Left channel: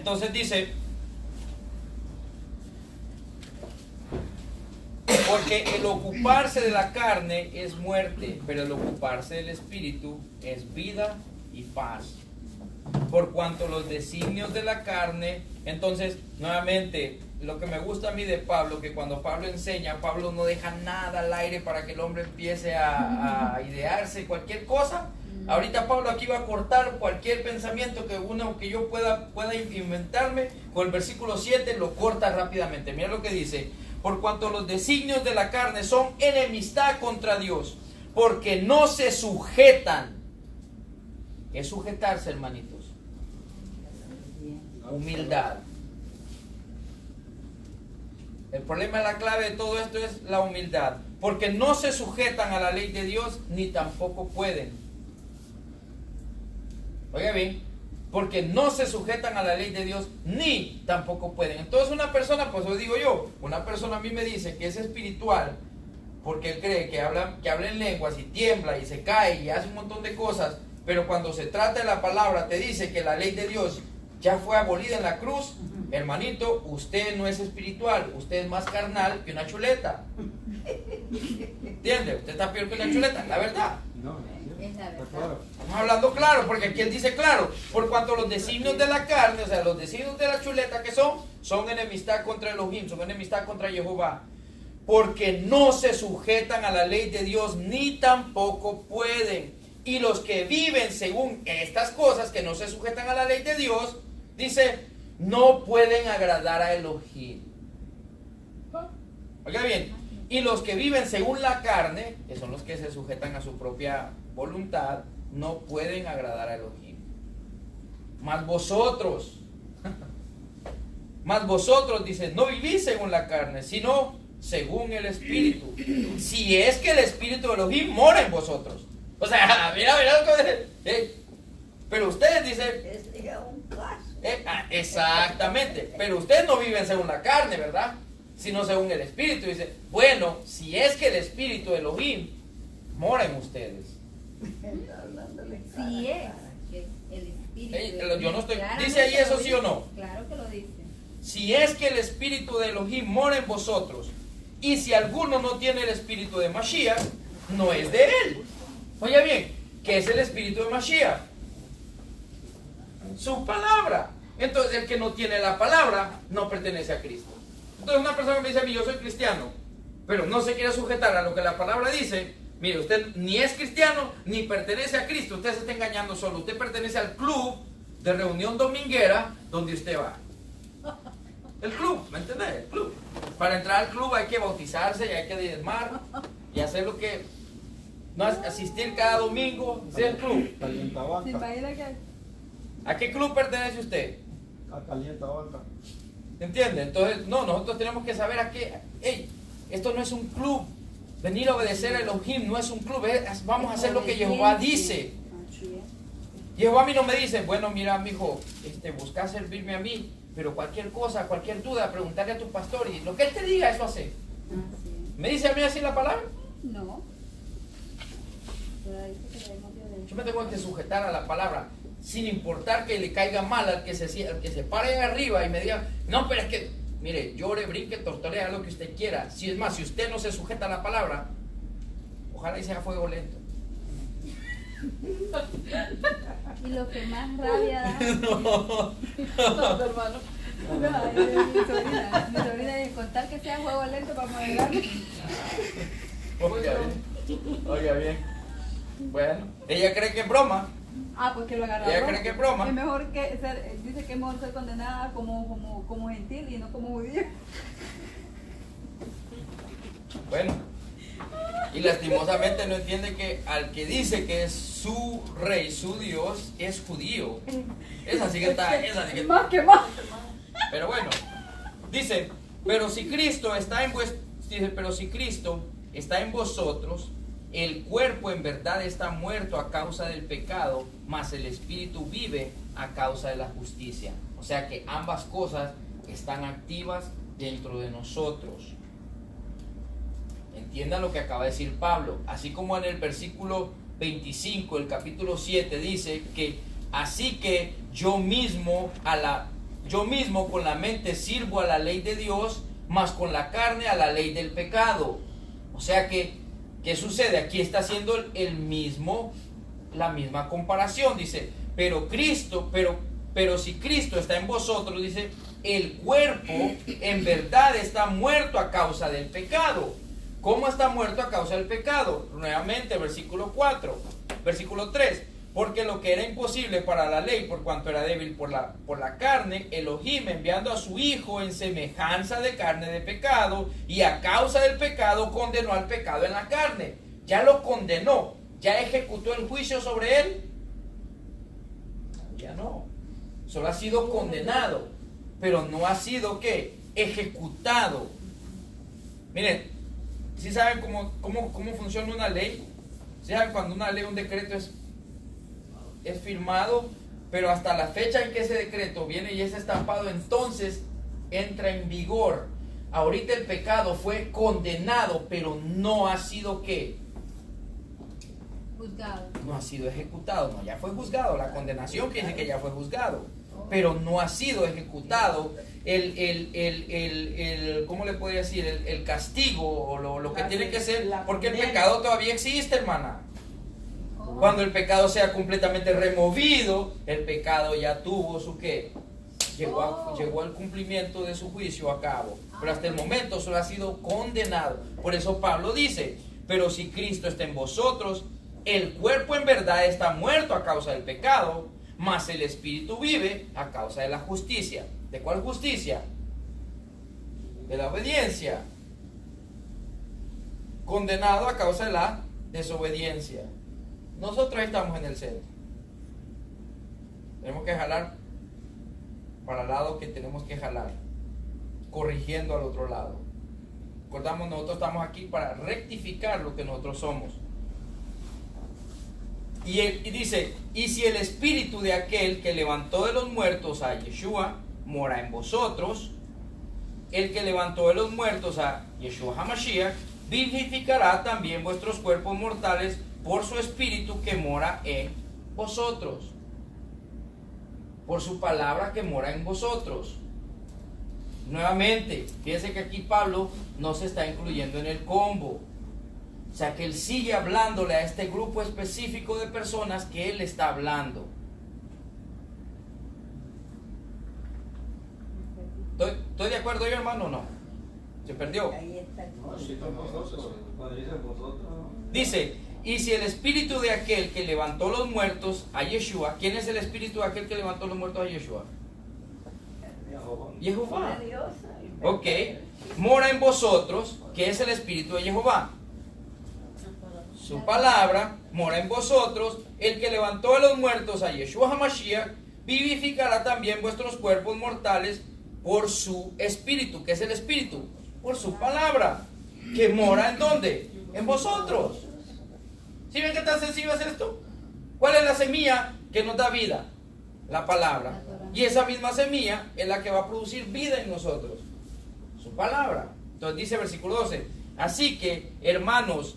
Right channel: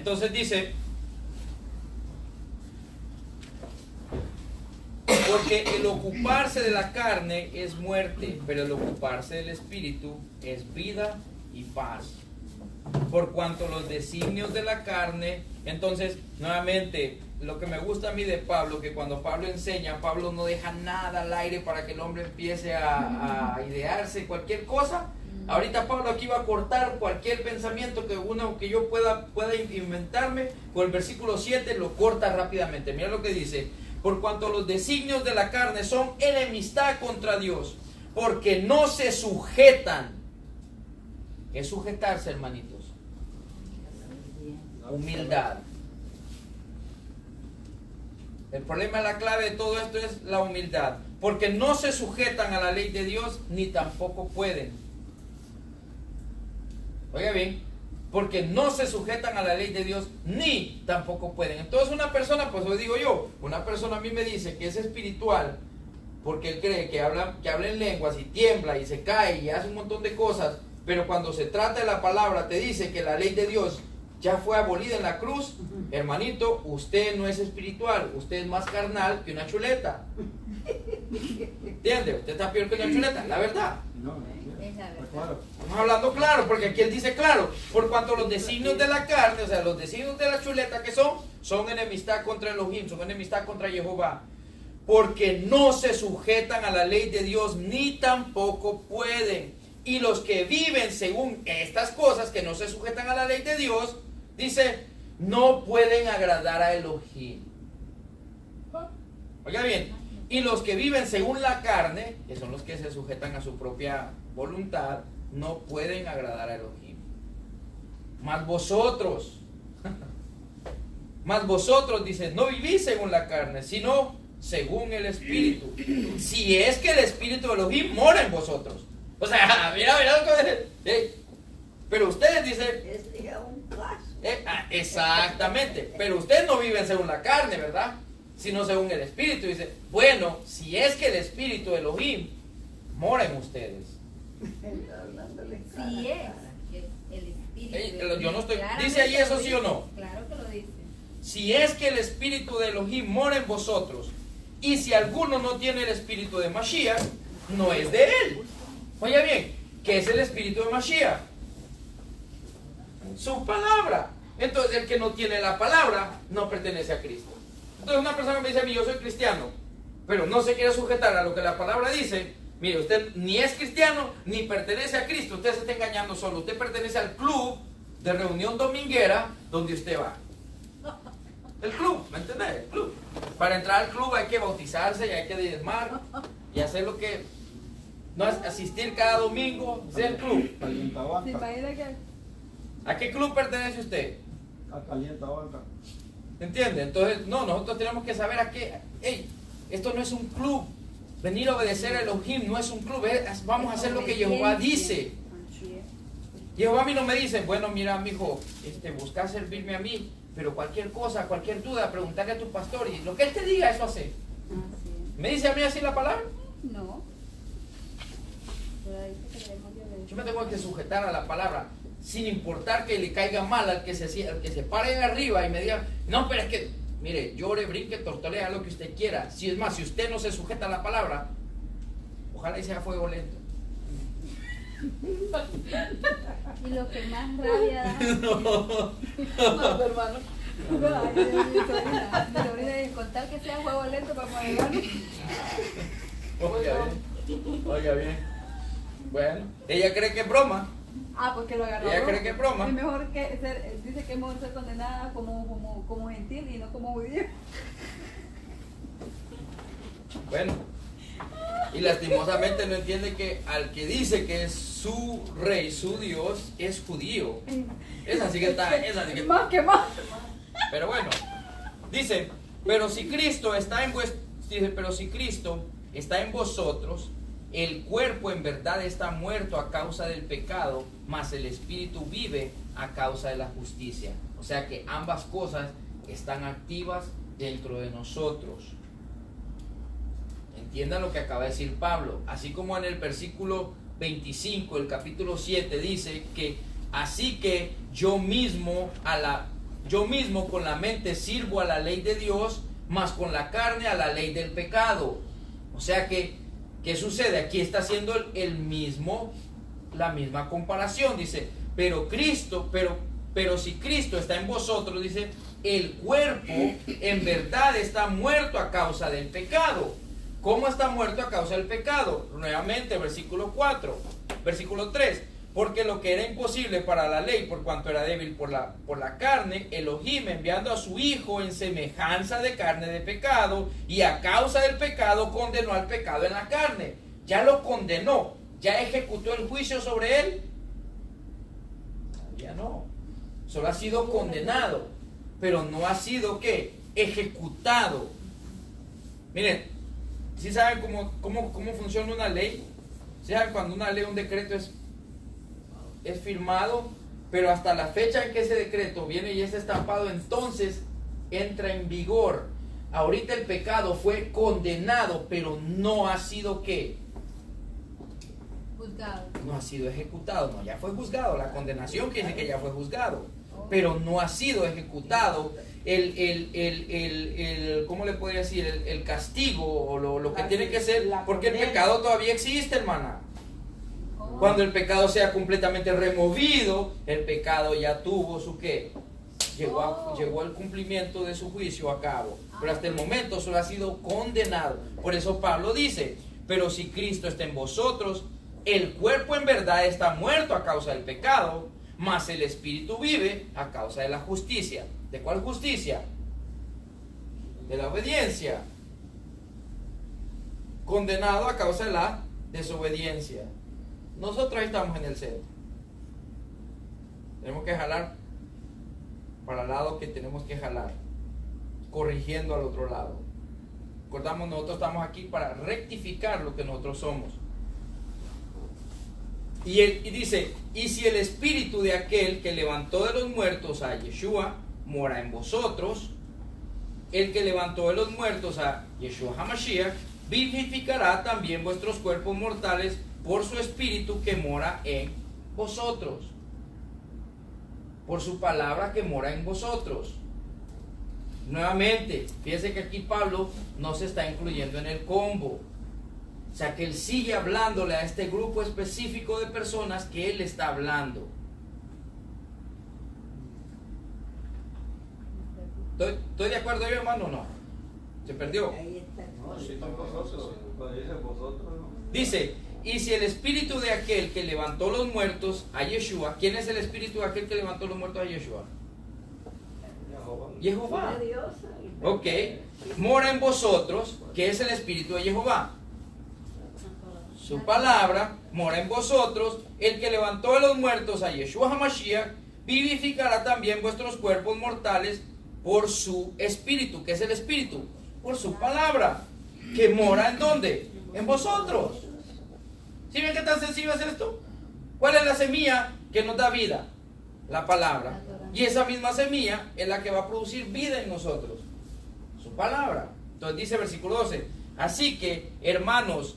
Entonces dice, porque el ocuparse de la carne es muerte, pero el ocuparse del espíritu es vida y paz. Por cuanto los designios de la carne, entonces, nuevamente, lo que me gusta a mí de Pablo, que cuando Pablo enseña, Pablo no deja nada al aire para que el hombre empiece a idearse cualquier cosa. Ahorita Pablo aquí va a cortar cualquier pensamiento que yo pueda inventarme. Con el versículo 7 lo corta rápidamente. Mira lo que dice: por cuanto los designios de la carne son enemistad contra Dios, porque no se sujetan. ¿Qué es sujetarse, hermanitos? Humildad. El problema, la clave de todo esto es la humildad, porque no se sujetan a la ley de Dios, ni tampoco pueden. Oiga bien, porque no se sujetan a la ley de Dios, ni tampoco pueden. Entonces una persona, pues lo digo yo, una persona a mí me dice que es espiritual, porque él cree que habla en lenguas y tiembla y se cae y hace un montón de cosas, pero cuando se trata de la palabra te dice que la ley de Dios ya fue abolida en la cruz. Hermanito, usted no es espiritual, usted es más carnal que una chuleta. ¿Entiende? Usted está peor que una chuleta, la verdad. Es la verdad. Estamos hablando claro, porque aquí él dice claro, por cuanto los designios de la carne, o sea, los designios de la chuleta que son enemistad contra Elohim, son enemistad contra Jehová, porque no se sujetan a la ley de Dios, ni tampoco pueden. Y los que viven según estas cosas, que no se sujetan a la ley de Dios, dice, no pueden agradar a Elohim. Oiga bien, y los que viven según la carne, que son los que se sujetan a su propia voluntad, no pueden agradar a Elohim. Mas vosotros, dice, no vivís según la carne, sino según el Espíritu. Si es que el Espíritu de Elohim mora en vosotros. O sea, mira lo que... pero ustedes dicen... exactamente. Pero ustedes no viven según la carne, ¿verdad? Sino según el Espíritu. Dice, bueno, si es que el Espíritu de Elohim mora en ustedes. Si es que el Espíritu... yo no estoy... ¿Dice ahí eso sí o no? Claro que lo dice. Si es que el Espíritu de Elohim mora en vosotros, y si alguno no tiene el Espíritu de Mashiach, no es de él. Oye bien, ¿qué es el Espíritu de Mashiach? Su palabra. Entonces el que no tiene la palabra no pertenece a Cristo. Entonces una persona me dice a mí, yo soy cristiano, pero no se quiere sujetar a lo que la palabra dice. Mire, usted ni es cristiano ni pertenece a Cristo. Usted se está engañando solo. Usted pertenece al club de reunión dominguera donde usted va. El club, ¿me entiendes? El club. Para entrar al club hay que bautizarse y hay que diezmar y hacer lo que... No asistir cada domingo, sea el club. ¿Se imagina que... ¿A qué club pertenece usted? A Calienta Alta. ¿Entiende? Entonces, no, nosotros tenemos que saber a qué... Esto no es un club. Venir a obedecer a Elohim no es un club. Vamos a hacer lo que Jehová dice. Jehová a mí no me dice, bueno, mira, mijo, busca servirme a mí, pero cualquier cosa, cualquier duda, preguntarle a tu pastor y lo que él te diga, eso hace. ¿Me dice a mí así la palabra? No. Yo me tengo que sujetar a la palabra, sin importar que le caiga mal al que se pare arriba y me diga, no, pero es que, mire, llore, brinque, tortolea, lo que usted quiera. Si es más, si usted no se sujeta a la palabra, ojalá y sea fuego lento. Y lo que más rabia da... No, hermano. No, mi sobrina, y contar que sea juego lento para que me Oiga bien. Bueno, ella cree que es broma. Ah, porque lo agarró. Ella cree que es broma. Es mejor que ser, dice que es mejor ser condenada como gentil y no como judío. Bueno, y lastimosamente no entiende que al que dice que es su rey, su Dios, es judío. Esa sí que está, Más que más. Pero bueno, dice, pero si Cristo está en vosotros, el cuerpo en verdad está muerto a causa del pecado, mas el espíritu vive a causa de la justicia. O sea que ambas cosas están activas dentro de nosotros. Entiendan lo que acaba de decir Pablo. Así como en el versículo 25, el capítulo 7, dice que así que yo mismo yo mismo con la mente sirvo a la ley de Dios, mas con la carne a la ley del pecado. O sea que, ¿qué sucede? Aquí está haciendo la misma comparación. Dice, pero si Cristo está en vosotros, dice, el cuerpo en verdad está muerto a causa del pecado. ¿Cómo está muerto a causa del pecado? Nuevamente, versículo 3. Porque lo que era imposible para la ley, por cuanto era débil por la carne, Elohim, enviando a su Hijo en semejanza de carne de pecado, y a causa del pecado condenó al pecado en la carne. Ya lo condenó, ya ejecutó el juicio sobre él. Ya no. Solo ha sido condenado, pero no ha sido, ¿qué? Ejecutado. Miren, ¿sí saben cómo funciona una ley? ¿Sí saben cuando una ley, un decreto es firmado, pero hasta la fecha en que ese decreto viene y es estampado, entonces entra en vigor? Ahorita el pecado fue condenado, pero no ha sido, ¿qué? Juzgado. No ha sido ejecutado. No, ya fue juzgado. La condenación que dice que ya fue juzgado, pero no ha sido ejecutado ¿cómo le podría decir? El castigo o lo que tiene que ser, porque el pecado todavía existe, hermana. Cuando el pecado sea completamente removido, el pecado ya tuvo su qué. Llegó al cumplimiento de su juicio a cabo. Pero hasta el momento solo ha sido condenado. Por eso Pablo dice, pero si Cristo está en vosotros, el cuerpo en verdad está muerto a causa del pecado, mas el espíritu vive a causa de la justicia. ¿De cuál justicia? De la obediencia. Condenado a causa de la desobediencia. Nosotros estamos en el centro. Tenemos que jalar para el lado que tenemos que jalar, corrigiendo al otro lado. Recordamos, nosotros estamos aquí para rectificar lo que nosotros somos. Y dice, y si el espíritu de aquel que levantó de los muertos a Yeshua mora en vosotros, el que levantó de los muertos a Yeshua HaMashiach vivificará también vuestros cuerpos mortales por su espíritu que mora en vosotros, por su palabra que mora en vosotros. Nuevamente, fíjense que aquí Pablo no se está incluyendo en el combo. O sea que él sigue hablándole a este grupo específico de personas que él está hablando. ¿Estoy de acuerdo yo, hermano, o no? ¿Se perdió? Dice, y si el espíritu de aquel que levantó los muertos a Yeshua, ¿quién es el espíritu de aquel que levantó los muertos a Yeshua? Jehová. Ok, mora en vosotros, ¿qué es el espíritu de Jehová? Su palabra mora en vosotros, el que levantó de los muertos a Yeshua HaMashiach vivificará también vuestros cuerpos mortales por su espíritu. ¿Qué es el espíritu? Por su palabra, que mora ¿en dónde? En vosotros. ¿Sí ven qué tan sencillo es esto? ¿Cuál es la semilla que nos da vida? La palabra. Y esa misma semilla es la que va a producir vida en nosotros. Su palabra. Entonces dice versículo 12, así que, hermanos,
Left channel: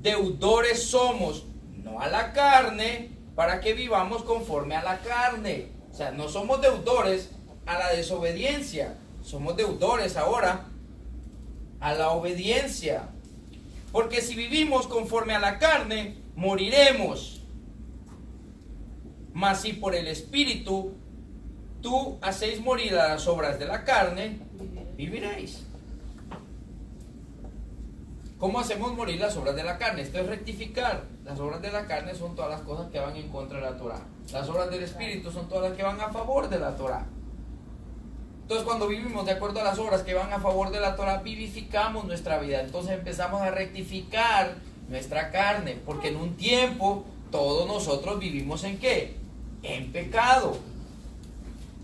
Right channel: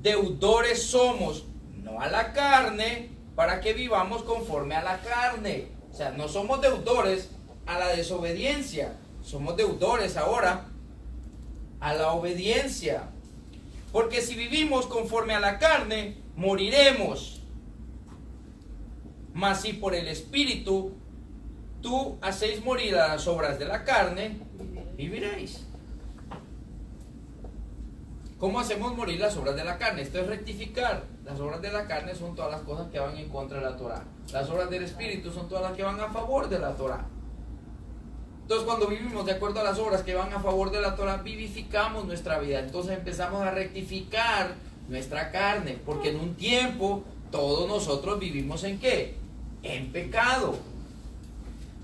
deudores somos, no a la carne, para que vivamos conforme a la carne. O sea, no somos deudores a la desobediencia, somos deudores ahora a la obediencia. Porque si vivimos conforme a la carne, moriremos. Mas si por el Espíritu tú hacéis morir a las obras de la carne, viviréis. ¿Cómo hacemos morir las obras de la carne? Esto es rectificar. Las obras de la carne son todas las cosas que van en contra de la Torah. Las obras del Espíritu son todas las que van a favor de la Torah. Entonces, cuando vivimos de acuerdo a las obras que van a favor de la Torah, vivificamos nuestra vida. Entonces empezamos a rectificar nuestra carne, porque en un tiempo todos nosotros vivimos ¿en qué? En pecado.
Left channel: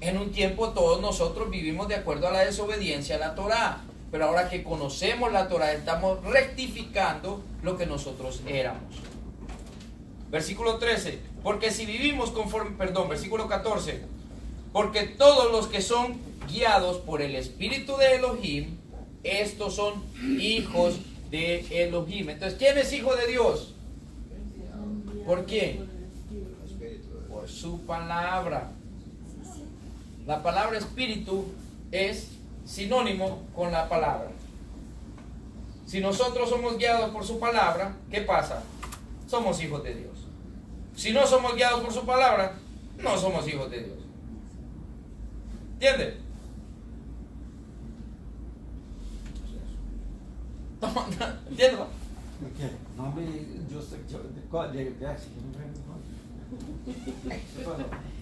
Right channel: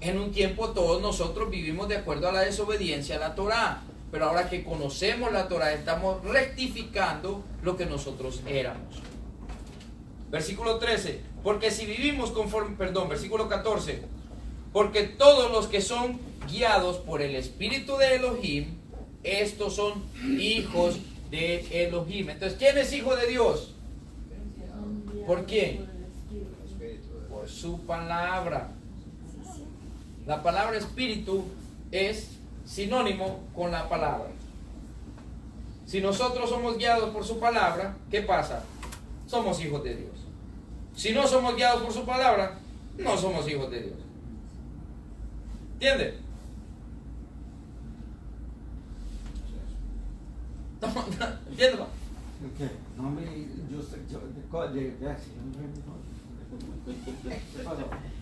En un tiempo todos nosotros vivimos de acuerdo a la desobediencia a la Torah. Pero ahora que conocemos la Torah, estamos rectificando lo que nosotros éramos. Versículo 13. Porque si vivimos conforme, versículo 14. Porque todos los que son guiados por el Espíritu de Elohim, estos son hijos de Elohim. Entonces, ¿quién es hijo de Dios? ¿Por qué? Por su palabra. la palabra espíritu es sinónimo con la palabra. Si nosotros somos guiados por su palabra, ¿qué pasa? Somos hijos de Dios. Si no somos guiados por su palabra, no somos hijos de Dios. ¿Entiendes? ¿Entiendes? Okay.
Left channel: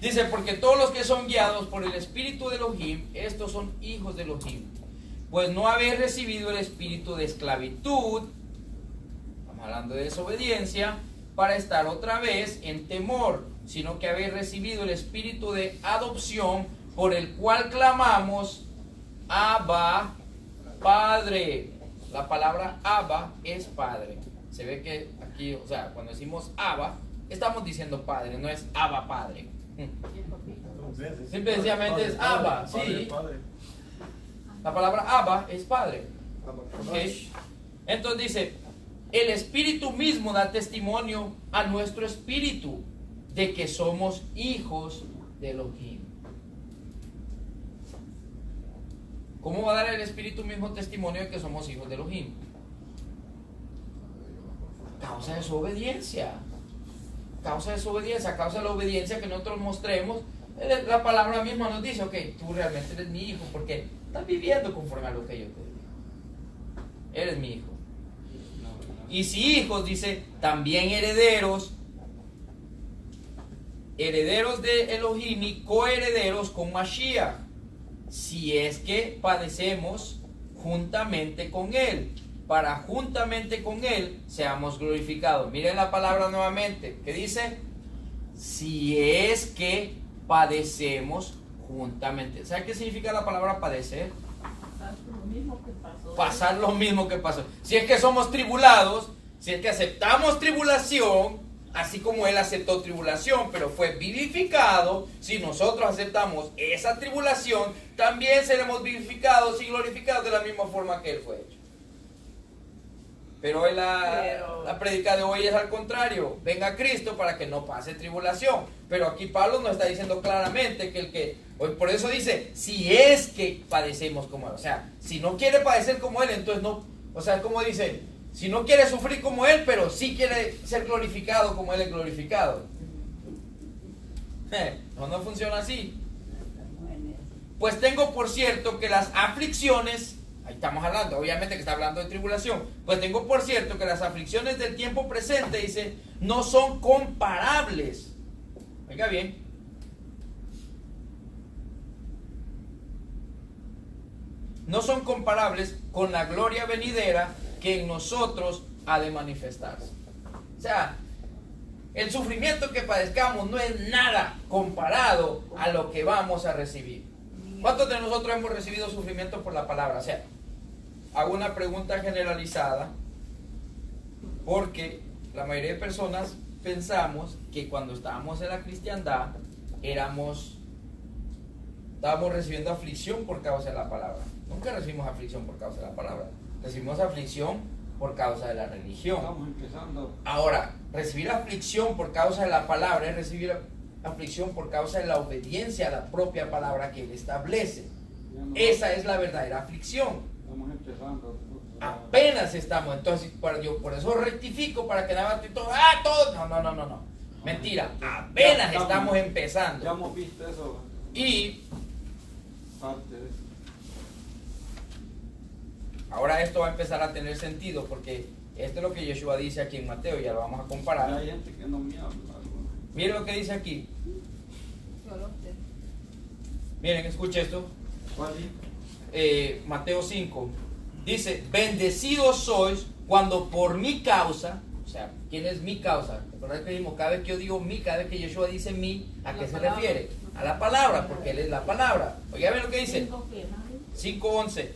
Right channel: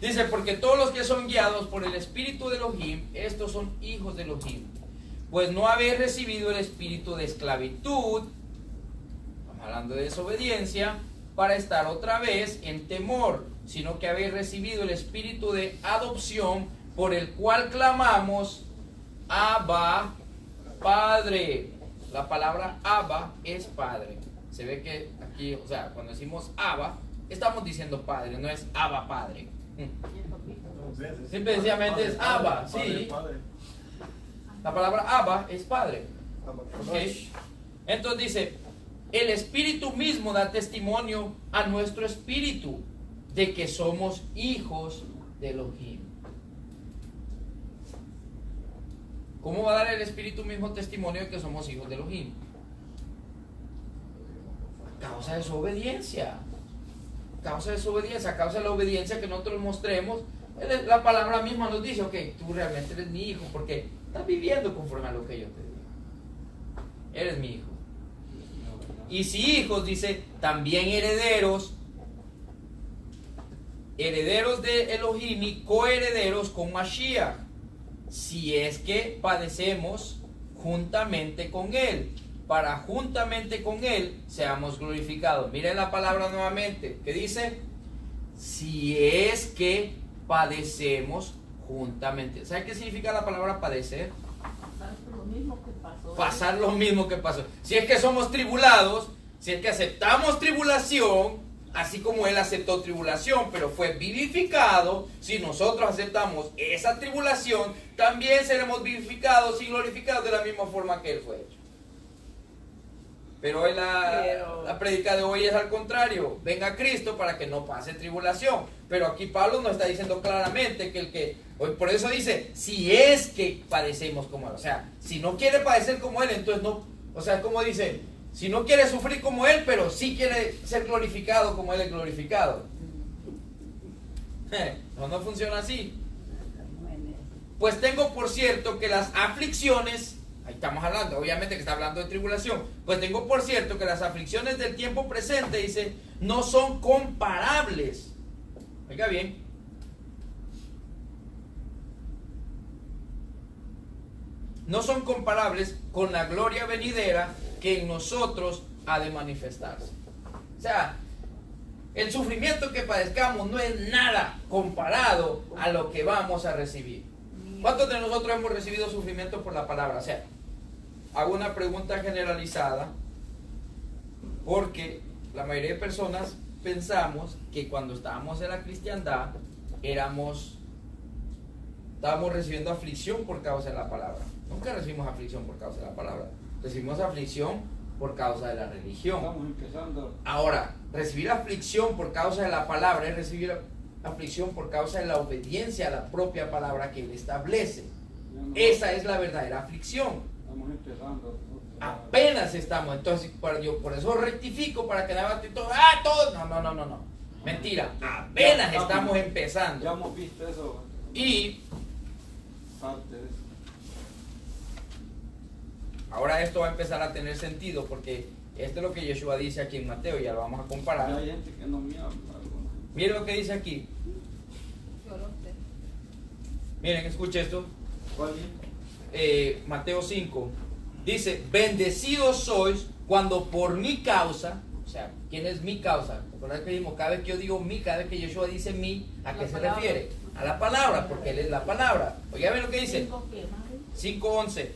Dice, porque todos los que son guiados por el espíritu de Elohim, estos son hijos de Elohim. Pues no habéis recibido el espíritu de esclavitud, estamos hablando de desobediencia, para estar otra vez en temor, sino que habéis recibido el espíritu de adopción, por el cual clamamos, Abba, Padre. La palabra Abba es Padre. Se ve que aquí, o sea, cuando decimos Abba, estamos diciendo Padre, no es Abba Padre. Simple y sencillamente es Abba, sí. La palabra Abba es Padre. ¿Okay? Entonces dice, el Espíritu mismo da testimonio a nuestro espíritu de que somos hijos de Elohim. ¿Cómo va a dar el Espíritu mismo testimonio de que somos hijos de Elohim? A causa de su obediencia. A causa de su obediencia, a causa de la obediencia que nosotros mostremos. La palabra misma nos dice, ok, tú realmente eres mi hijo porque estás viviendo conforme a lo que yo te digo. Eres mi hijo. Y si hijos, dice, también herederos, herederos de Elohim y coherederos con Mashiach, si es que padecemos juntamente con Él, para juntamente con Él seamos glorificados. Miren la palabra nuevamente, que dice, si es que padecemos juntamente. ¿Sabe qué significa la palabra padecer? Pasar lo mismo que pasó. Si es que somos tribulados, si es que aceptamos tribulación, así como Él aceptó tribulación, pero fue vivificado, si nosotros aceptamos esa tribulación, también seremos vivificados y glorificados de la misma forma que Él fue hecho. Pero hoy la prédica de hoy es al contrario. Venga Cristo para que no pase tribulación. Pero aquí Pablo nos está diciendo claramente que el que, por eso dice, si es que padecemos como Él. O sea, si no quiere padecer como Él, entonces no. O sea, como dice, si no quiere sufrir como Él, pero sí quiere ser glorificado como Él es glorificado. No funciona así. Pues tengo por cierto que las aflicciones, ahí estamos hablando, obviamente que está hablando de tribulación, pues tengo por cierto que las aflicciones del tiempo presente, dice, no son comparables. Oiga bien. No son comparables con la gloria venidera que en nosotros ha de manifestarse. O sea, el sufrimiento que padezcamos no es nada comparado a lo que vamos a recibir. ¿Cuántos de nosotros hemos recibido sufrimiento por la palabra? O sea, hago una pregunta generalizada porque la mayoría de personas pensamos que cuando estábamos en la cristiandad estábamos recibiendo aflicción por causa de la palabra. Nunca recibimos aflicción por causa de la palabra. Recibimos aflicción por causa de la religión. Ahora, recibir aflicción por causa de la palabra es recibir aflicción por causa de la obediencia a la propia palabra que Él establece. Esa es la verdadera aflicción. Apenas estamos, entonces yo por eso rectifico para que nada y todo, no. Mentira, apenas estamos empezando. Ya hemos visto eso. Y ahora esto va a empezar a tener sentido porque esto es lo que Yeshua dice aquí en Mateo, ya lo vamos a comparar. Miren lo que dice aquí. Miren, escuche esto. Mateo 5. Dice, bendecidos sois cuando por mi causa, o sea, ¿quién es mi causa? ¿Recuerdan que dijimos, cada vez que yo digo mi, cada vez que Yeshua dice mi, ¿a qué se refiere? A la palabra, porque Él es la palabra. Oiga, ven lo que dice. 5:11.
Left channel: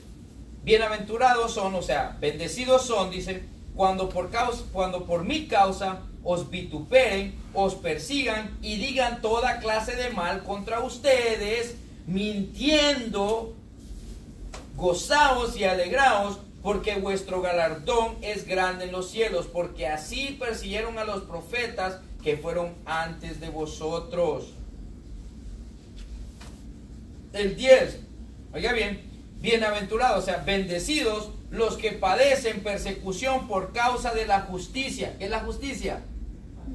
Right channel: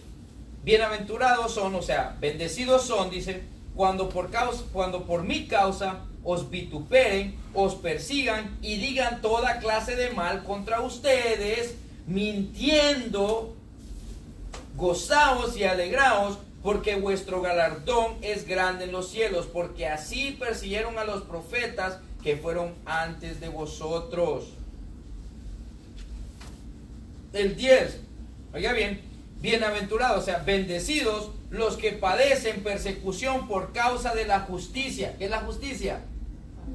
Bienaventurados son, o sea, bendecidos son, dice, cuando por mi causa os vituperen, os persigan y digan toda clase de mal contra ustedes, mintiendo. Gozaos y alegraos, porque vuestro galardón es grande en los cielos, porque así persiguieron a los profetas que fueron antes de vosotros. el 10. Oiga bien, bienaventurados, o sea, bendecidos los que padecen persecución por causa de la justicia. ¿Qué es la justicia?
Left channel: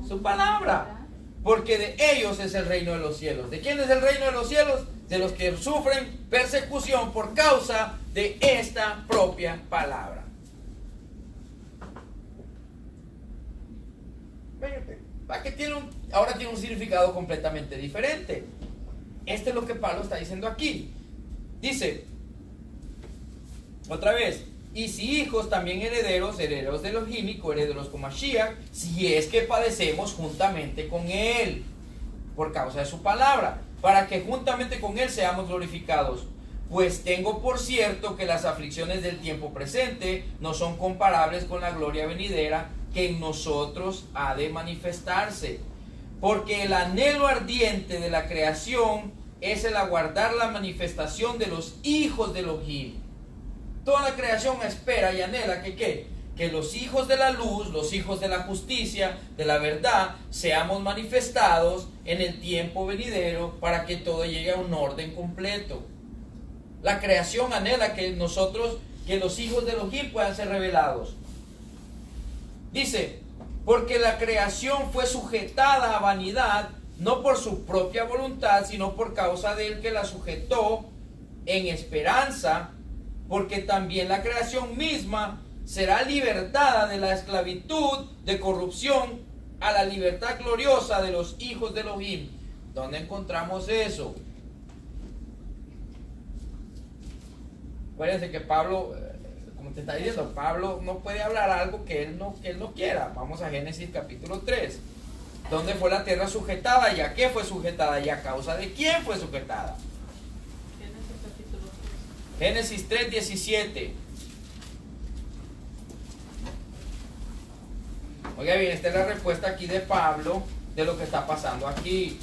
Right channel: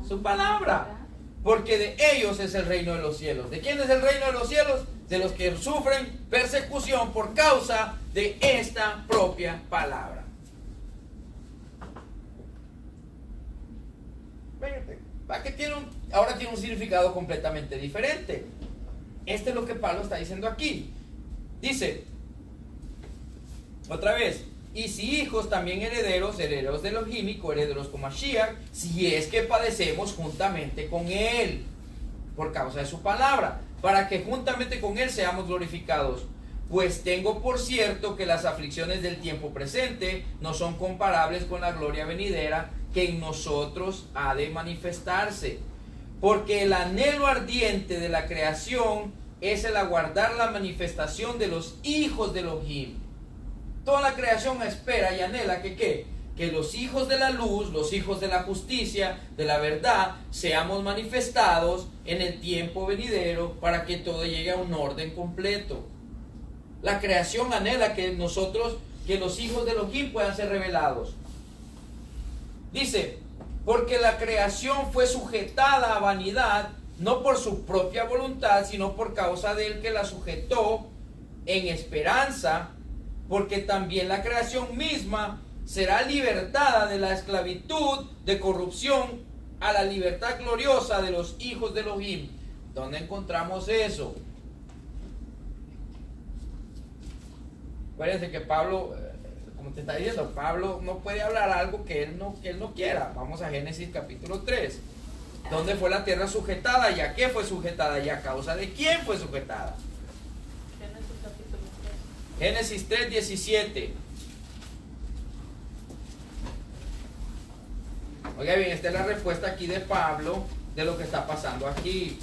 Su palabra. Porque de ellos es el reino de los cielos. ¿De quién es el reino de los cielos? De los que sufren persecución por causa de esta propia palabra. Ahora tiene un significado completamente diferente. Este es lo que Pablo está diciendo aquí. Dice, otra vez, y si hijos también herederos, herederos de Elohim y coherederos con Mashiach, si es que padecemos juntamente con él, por causa de su palabra, para que juntamente con él seamos glorificados. Pues tengo por cierto que las aflicciones del tiempo presente no son comparables con la gloria venidera que en nosotros ha de manifestarse. Porque el anhelo ardiente de la creación es el aguardar la manifestación de los hijos de Elohim. Toda la creación espera y anhela que los hijos de la luz, los hijos de la justicia, de la verdad, seamos manifestados en el tiempo venidero para que todo llegue a un orden completo. La creación anhela que nosotros, que los hijos de Elohim puedan ser revelados. Dice, porque la creación fue sujetada a vanidad, no por su propia voluntad, sino por causa del que la sujetó en esperanza, porque también la creación misma será libertada de la esclavitud de corrupción a la libertad gloriosa de los hijos de Elohim. ¿Dónde encontramos eso? Acuérdense que Pablo, como te está diciendo, Pablo no puede hablar algo que él no quiera. Vamos a Génesis capítulo 3. ¿Dónde fue la tierra sujetada? ¿Y a qué fue sujetada? ¿Y a causa de quién fue sujetada? Génesis capítulo 3. Génesis 3:17. Oiga bien, esta es la respuesta aquí de Pablo de lo que está pasando aquí.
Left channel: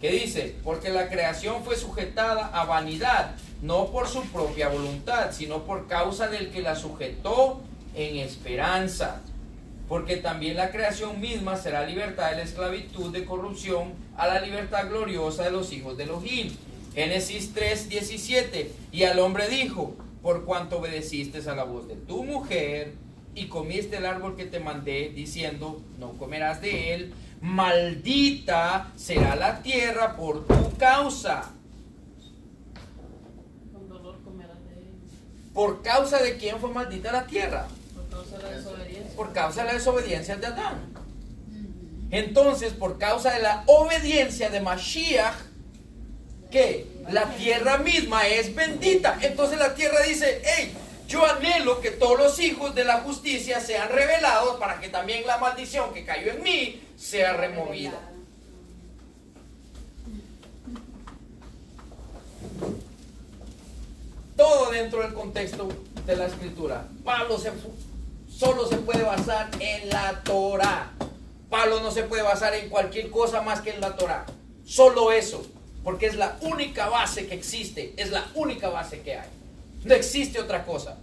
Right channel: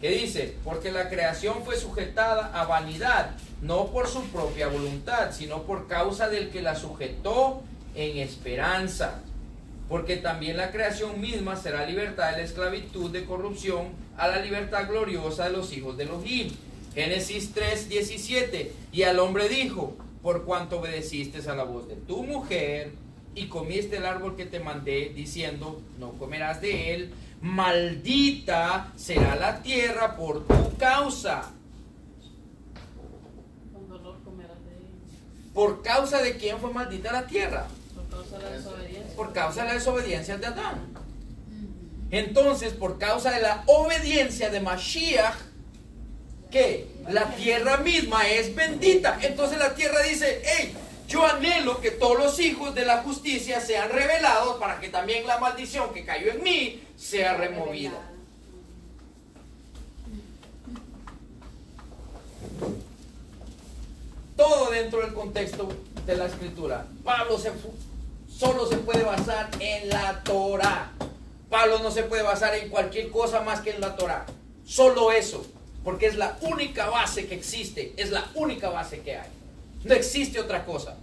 ¿Qué dice? Porque la creación fue sujetada a vanidad, no por su propia voluntad, sino por causa del que la sujetó en esperanza. Porque también la creación misma será libertada de la esclavitud de corrupción a la libertad gloriosa de los hijos de Elohim. Génesis 3:17. Y al hombre dijo, por cuanto obedeciste a la voz de tu mujer y comiste el árbol que te mandé, diciendo, no comerás de él, maldita será la tierra por tu causa. Con dolor comerás de él. ¿Por causa de quién fue maldita la tierra? Por causa de la desobediencia. Por causa de la desobediencia de Adán. Entonces, por causa de la obediencia de Mashiach, ¿qué? La tierra misma es bendita. Entonces la tierra dice, hey, yo anhelo que todos los hijos de la justicia sean revelados para que también la maldición que cayó en mí sea removida. Todo dentro del contexto de la escritura. Pablo solo se puede basar en la Torah. Pablo no se puede basar en cualquier cosa más que en la Torah. Solo eso, porque es la única base que existe, es la única base que hay. No existe otra cosa.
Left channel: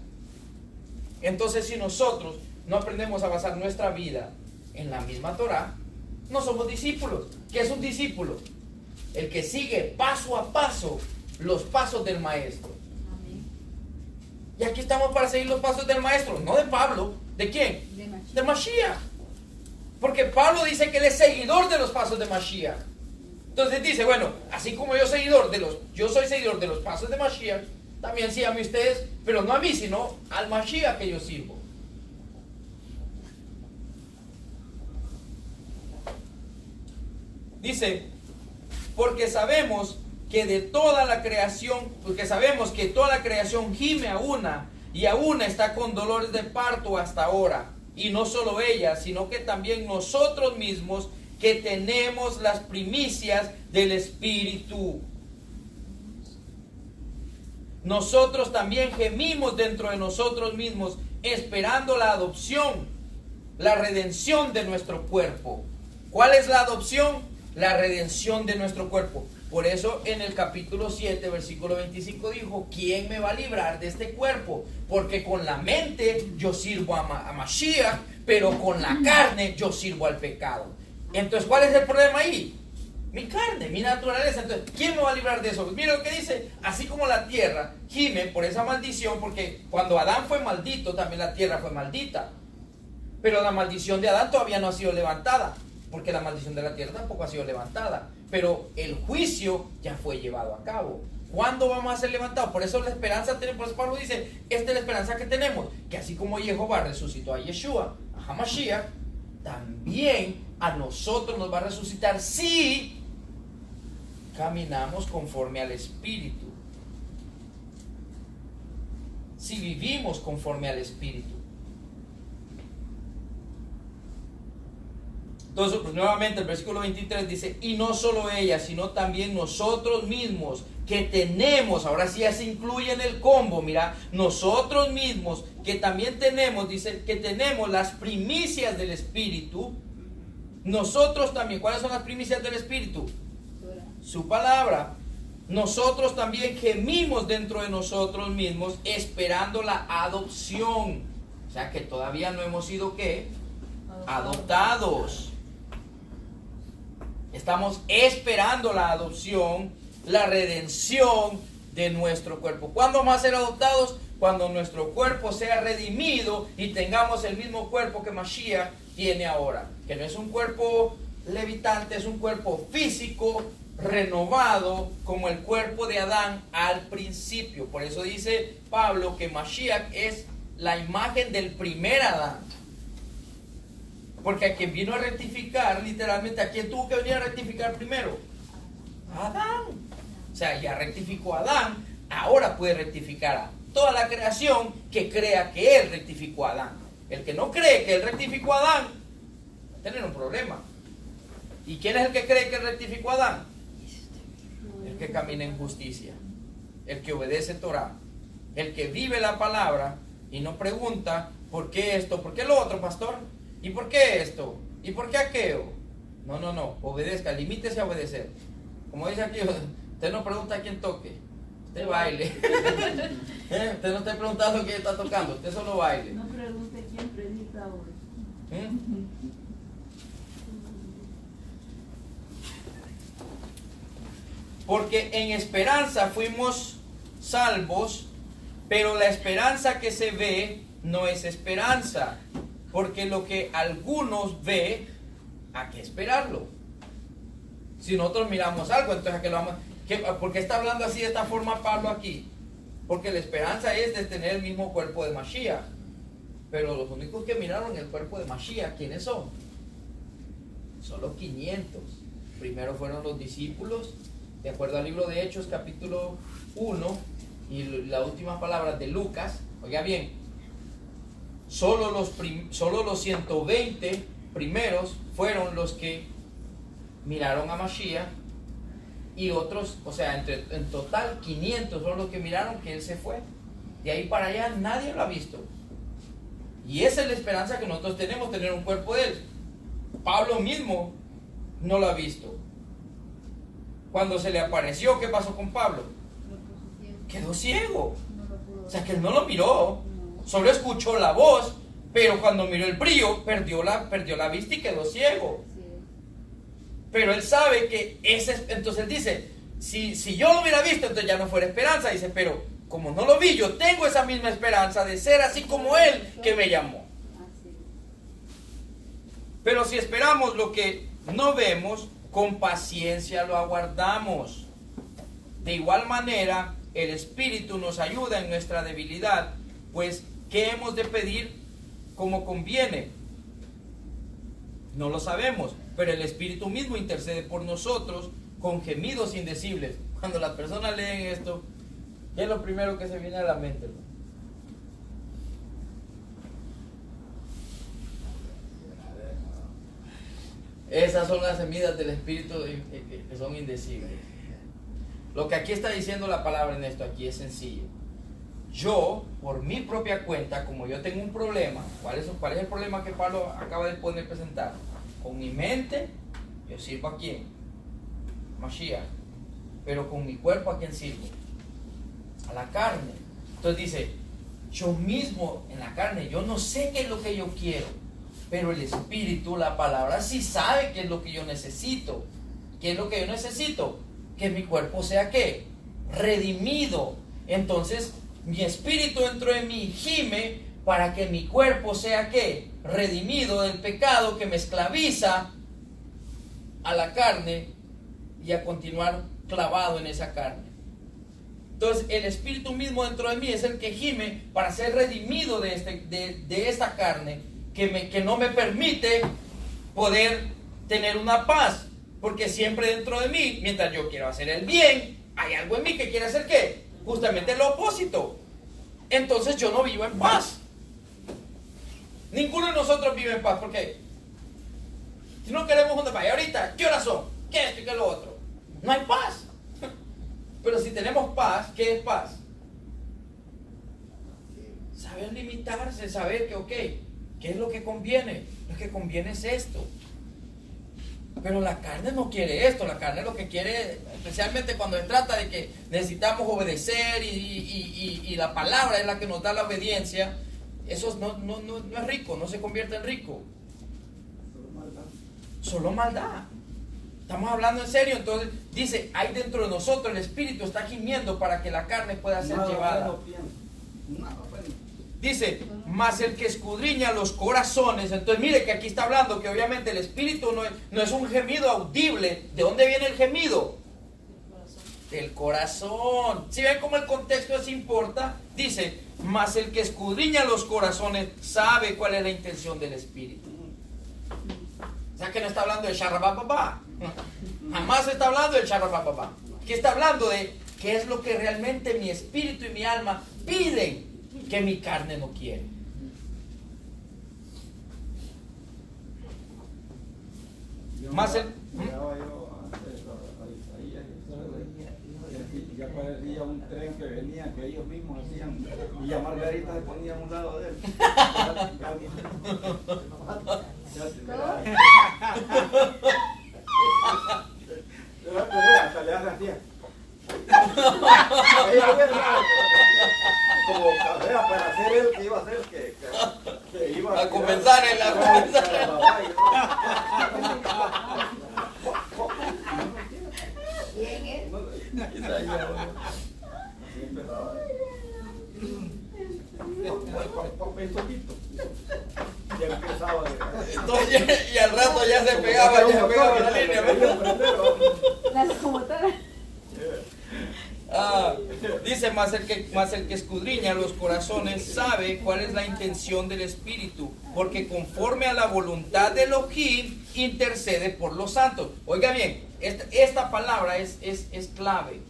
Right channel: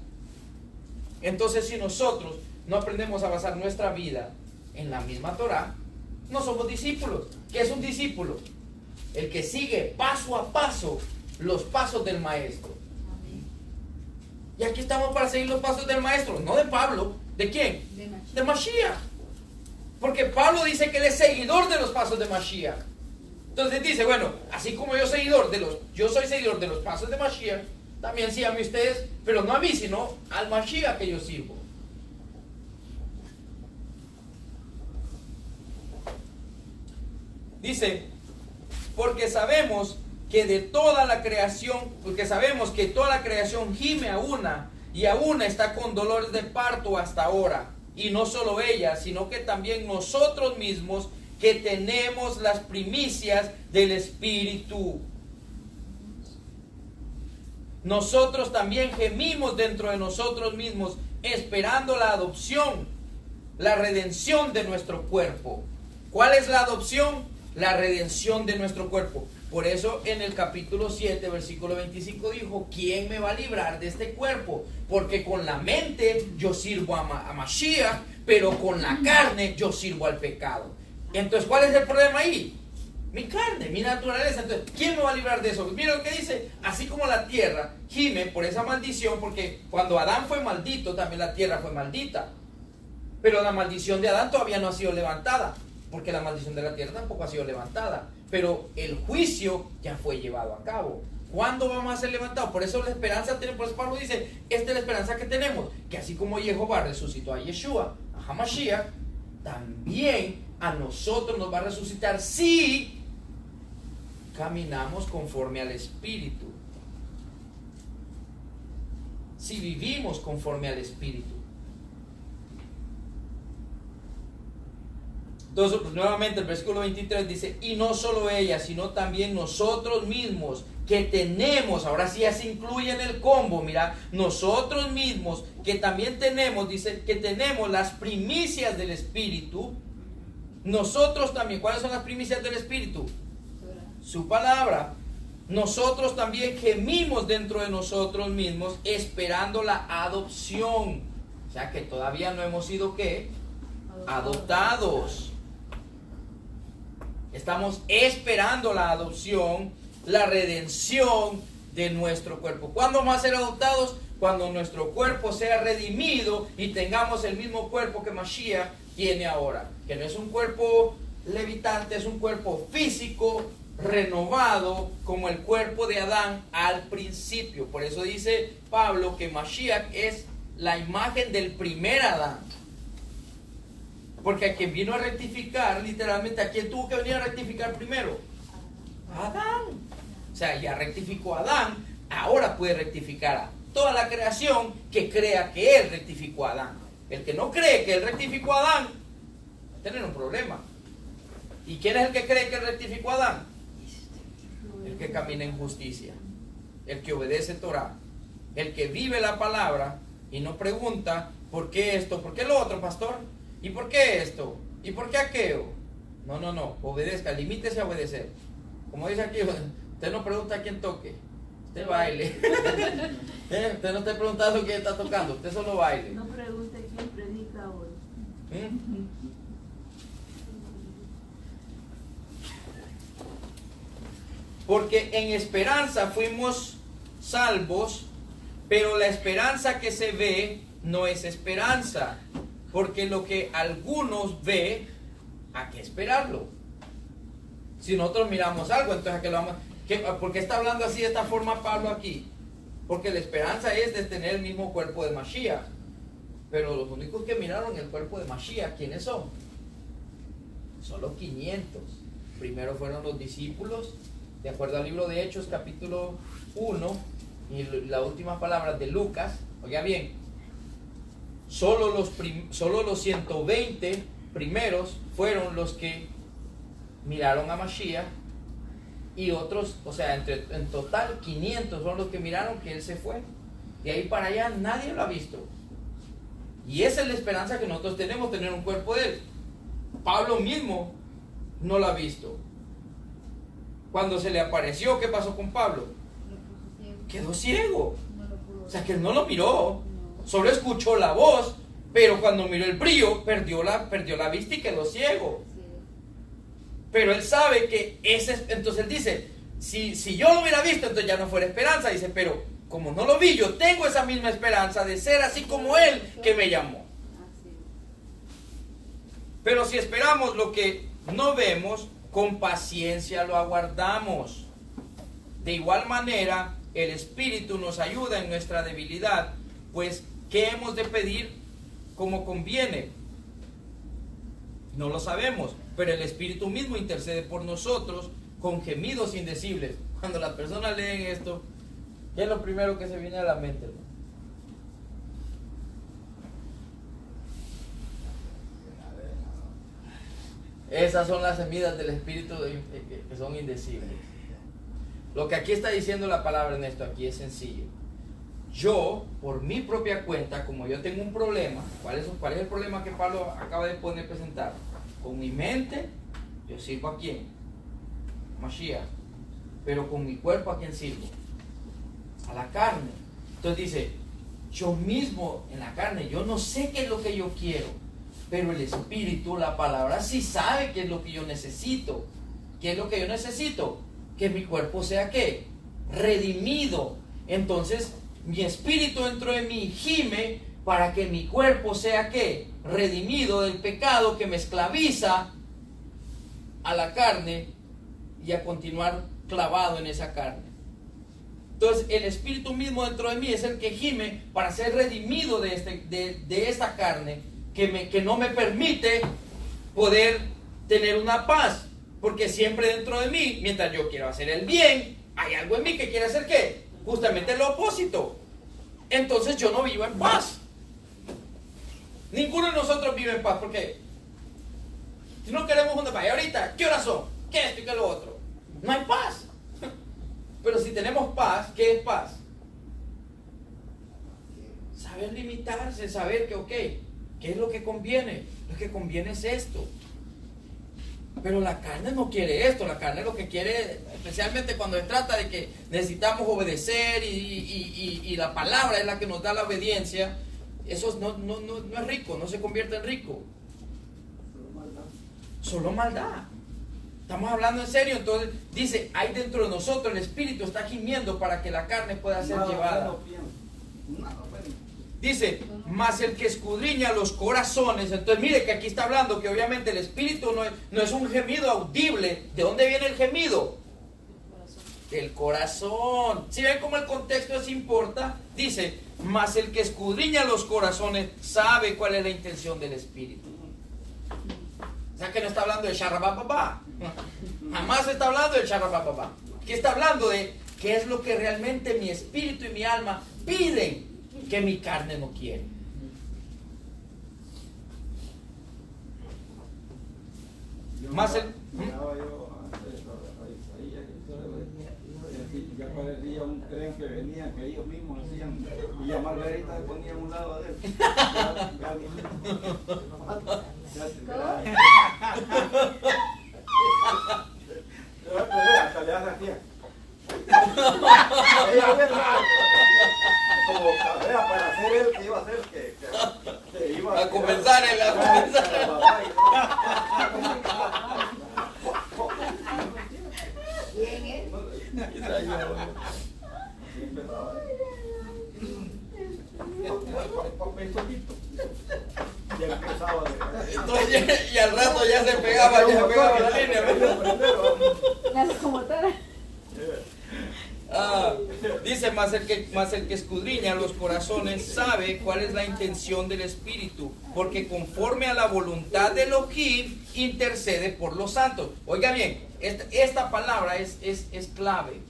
Entonces, si nosotros no aprendemos a basar nuestra vida en la misma Torah, no somos discípulos. ¿Qué es un discípulo? El que sigue paso a paso los pasos del maestro. Y aquí estamos para seguir los pasos del maestro, no de Pablo. ¿De quién? De Mashiach. Porque Pablo dice que él es seguidor de los pasos de Mashiach. Entonces dice, bueno, así como yo soy seguidor de los pasos de Mashiach, también síganme ustedes, pero no a mí, sino al Mashiach que yo sirvo. Dice, porque sabemos que toda la creación gime a una, y a una está con dolores de parto hasta ahora. Y no solo ella, sino que también nosotros mismos, que tenemos las primicias del Espíritu. Nosotros también gemimos dentro de nosotros mismos, esperando la adopción, la redención de nuestro cuerpo. ¿Cuál es la adopción? La redención de nuestro cuerpo. Por eso en el capítulo 7, versículo 25 dijo, ¿quién me va a librar de este cuerpo? Porque con la mente yo sirvo a Mashiach, pero con la carne yo sirvo al pecado. Entonces, ¿cuál es el problema ahí? Mi carne, mi naturaleza. Entonces, ¿quién me va a librar de eso? Mira lo que dice, así como la tierra gime por esa maldición, porque cuando Adán fue maldito, también la tierra fue maldita. Pero la maldición de Adán todavía no ha sido levantada, porque la maldición de la tierra tampoco ha sido levantada. Pero el juicio ya fue llevado a cabo. ¿Cuándo vamos a ser levantados? Por eso la esperanza tenemos, por eso Pablo dice, esta es la esperanza que tenemos, que así como Jehová resucitó a Yeshua, a Hamashiach, también a nosotros nos va a resucitar si caminamos conforme al Espíritu, si vivimos conforme al Espíritu. Entonces, pues, nuevamente el versículo 23 dice, y no solo ella, sino también nosotros mismos que tenemos, ahora sí ya se incluye en el combo, mira, nosotros mismos que también tenemos, dice que tenemos las primicias del Espíritu, nosotros también, ¿cuáles son las primicias del Espíritu? Su palabra. Nosotros también gemimos dentro de nosotros mismos esperando la adopción, o sea que todavía no hemos sido ¿qué? Adoptados. Estamos esperando la adopción, la redención de nuestro cuerpo. ¿Cuándo vamos a ser adoptados? Cuando nuestro cuerpo sea redimido y tengamos el mismo cuerpo que Mashiach tiene ahora. Que no es un cuerpo levitante, es un cuerpo físico, renovado, como el cuerpo de Adán al principio. Por eso dice Pablo que Mashiach es la imagen del primer Adán. Porque a quien vino a rectificar, literalmente, ¿a quién tuvo que venir a rectificar primero? A Adán. O sea, ya rectificó a Adán, ahora puede rectificar a toda la creación que crea que él rectificó a Adán. El que no cree que él rectificó a Adán, va a tener un problema. ¿Y quién es el que cree que él rectificó a Adán? El que camina en justicia, el que obedece Torah, el que vive la palabra y no pregunta, ¿por qué esto? ¿Por qué lo otro, pastor? ¿Y por qué esto? ¿Y por qué aquello? No, obedezca, limítese a obedecer. Como dice aquí, usted no pregunta a quién toque, usted baile. Usted no está preguntando quién está tocando, usted solo baile. No pregunte quién predica hoy. Porque en esperanza fuimos salvos, pero la esperanza que se ve no es esperanza. Porque lo que algunos ve, ¿a qué esperarlo? Si nosotros miramos algo, entonces ¿a qué lo vamos? ¿Por qué está hablando así de esta forma Pablo aquí? Porque la esperanza es de tener el mismo cuerpo de Mashiach. Pero los únicos que miraron el cuerpo de Mashiach, ¿quiénes son? Son los 500. Primero fueron los discípulos, de acuerdo al libro de Hechos, capítulo 1, y las últimas palabras de Lucas. Oiga bien, solo los 120 primeros fueron los que miraron a Mashiach, y otros, o sea, en total 500 son los que miraron que él se fue. De ahí para allá nadie lo ha visto. Y esa es la esperanza que nosotros tenemos, tener un cuerpo de él. Pablo mismo no lo ha visto. Cuando se le apareció, ¿qué pasó con Pablo? Quedó ciego. O sea, que él no lo miró, solo escuchó la voz, pero cuando miró el brillo, perdió la vista y quedó ciego. Pero él sabe que entonces él dice, si yo lo hubiera visto, entonces ya no fuera esperanza. Dice, pero como no lo vi, yo tengo esa misma esperanza de ser así como él que me llamó. Pero si esperamos lo que no vemos, con paciencia lo aguardamos. De igual manera, el Espíritu nos ayuda en nuestra debilidad, pues ¿qué hemos de pedir como conviene? No lo sabemos, pero el Espíritu mismo intercede por nosotros con gemidos indecibles. Cuando las personas leen esto, ¿qué es lo primero que se viene a la mente? Esas son las gemidas del Espíritu que son indecibles. Lo que aquí está diciendo la palabra en esto aquí es sencillo. Yo, por mi propia cuenta, como yo tengo un problema, ¿cuál es el problema que Pablo acaba de presentar? Con mi mente, yo sirvo ¿a quién? Mashiach. Pero con mi cuerpo, ¿a quién sirvo? A la carne. Entonces dice, yo mismo en la carne, yo no sé qué es lo que yo quiero, pero el Espíritu, la palabra, sí sabe qué es lo que yo necesito. ¿Qué es lo que yo necesito? Que mi cuerpo sea ¿qué? Redimido. Entonces, mi espíritu dentro de mí gime para que mi cuerpo sea ¿qué? Redimido del pecado que me esclaviza a la carne y a continuar clavado en esa carne. Entonces, el espíritu mismo dentro de mí es el que gime para ser redimido de esta carne que no me permite poder tener una paz. Porque siempre dentro de mí, mientras yo quiero hacer el bien, hay algo en mí que quiere hacer ¿qué? Justamente lo opósito. Entonces yo no vivo en paz. Ninguno de nosotros vive en paz. Porque si no queremos una paz, y ahorita, ¿qué horas son? ¿Qué esto y qué lo otro? No hay paz. Pero si tenemos paz, ¿qué es paz? Saber limitarse, saber que, ok, ¿qué es lo que conviene? Lo que conviene es esto. Pero la carne no quiere esto, la carne lo que quiere, especialmente cuando se trata de que necesitamos obedecer y la palabra es la que nos da la obediencia, eso no es rico, no se convierte en rico. Solo maldad. Estamos hablando en serio, entonces dice, hay dentro de nosotros, el espíritu está gimiendo para que la carne pueda ser llevada. Dice, mas el que escudriña los corazones. Entonces mire que aquí está hablando que obviamente el espíritu no es un gemido audible. ¿De dónde viene el gemido? Del corazón. ¿Sí ven cómo el contexto es importa? Dice, mas el que escudriña los corazones sabe cuál es la intención del espíritu. O sea que no está hablando de charrabapapá. Jamás está hablando de charrabapapá. Aquí está hablando de qué es lo que realmente mi espíritu y mi alma piden que mi carne no quiere. Más el... Ya parecía un tren que venía, que ellos mismos hacían, y ya Margarita se ponía a un lado de él. Hasta le hace así. Como cabrea para hacer él que iba a hacer que iba a compensar, a compensar. ¿Quién es? Entonces, y al rato ya se pegaba la línea, ¿verdad? La locomotora. Dice, más el que escudriña los corazones sabe cuál es la intención del Espíritu, porque conforme a la voluntad de Elohim intercede por los santos. Oiga bien, esta palabra es clave.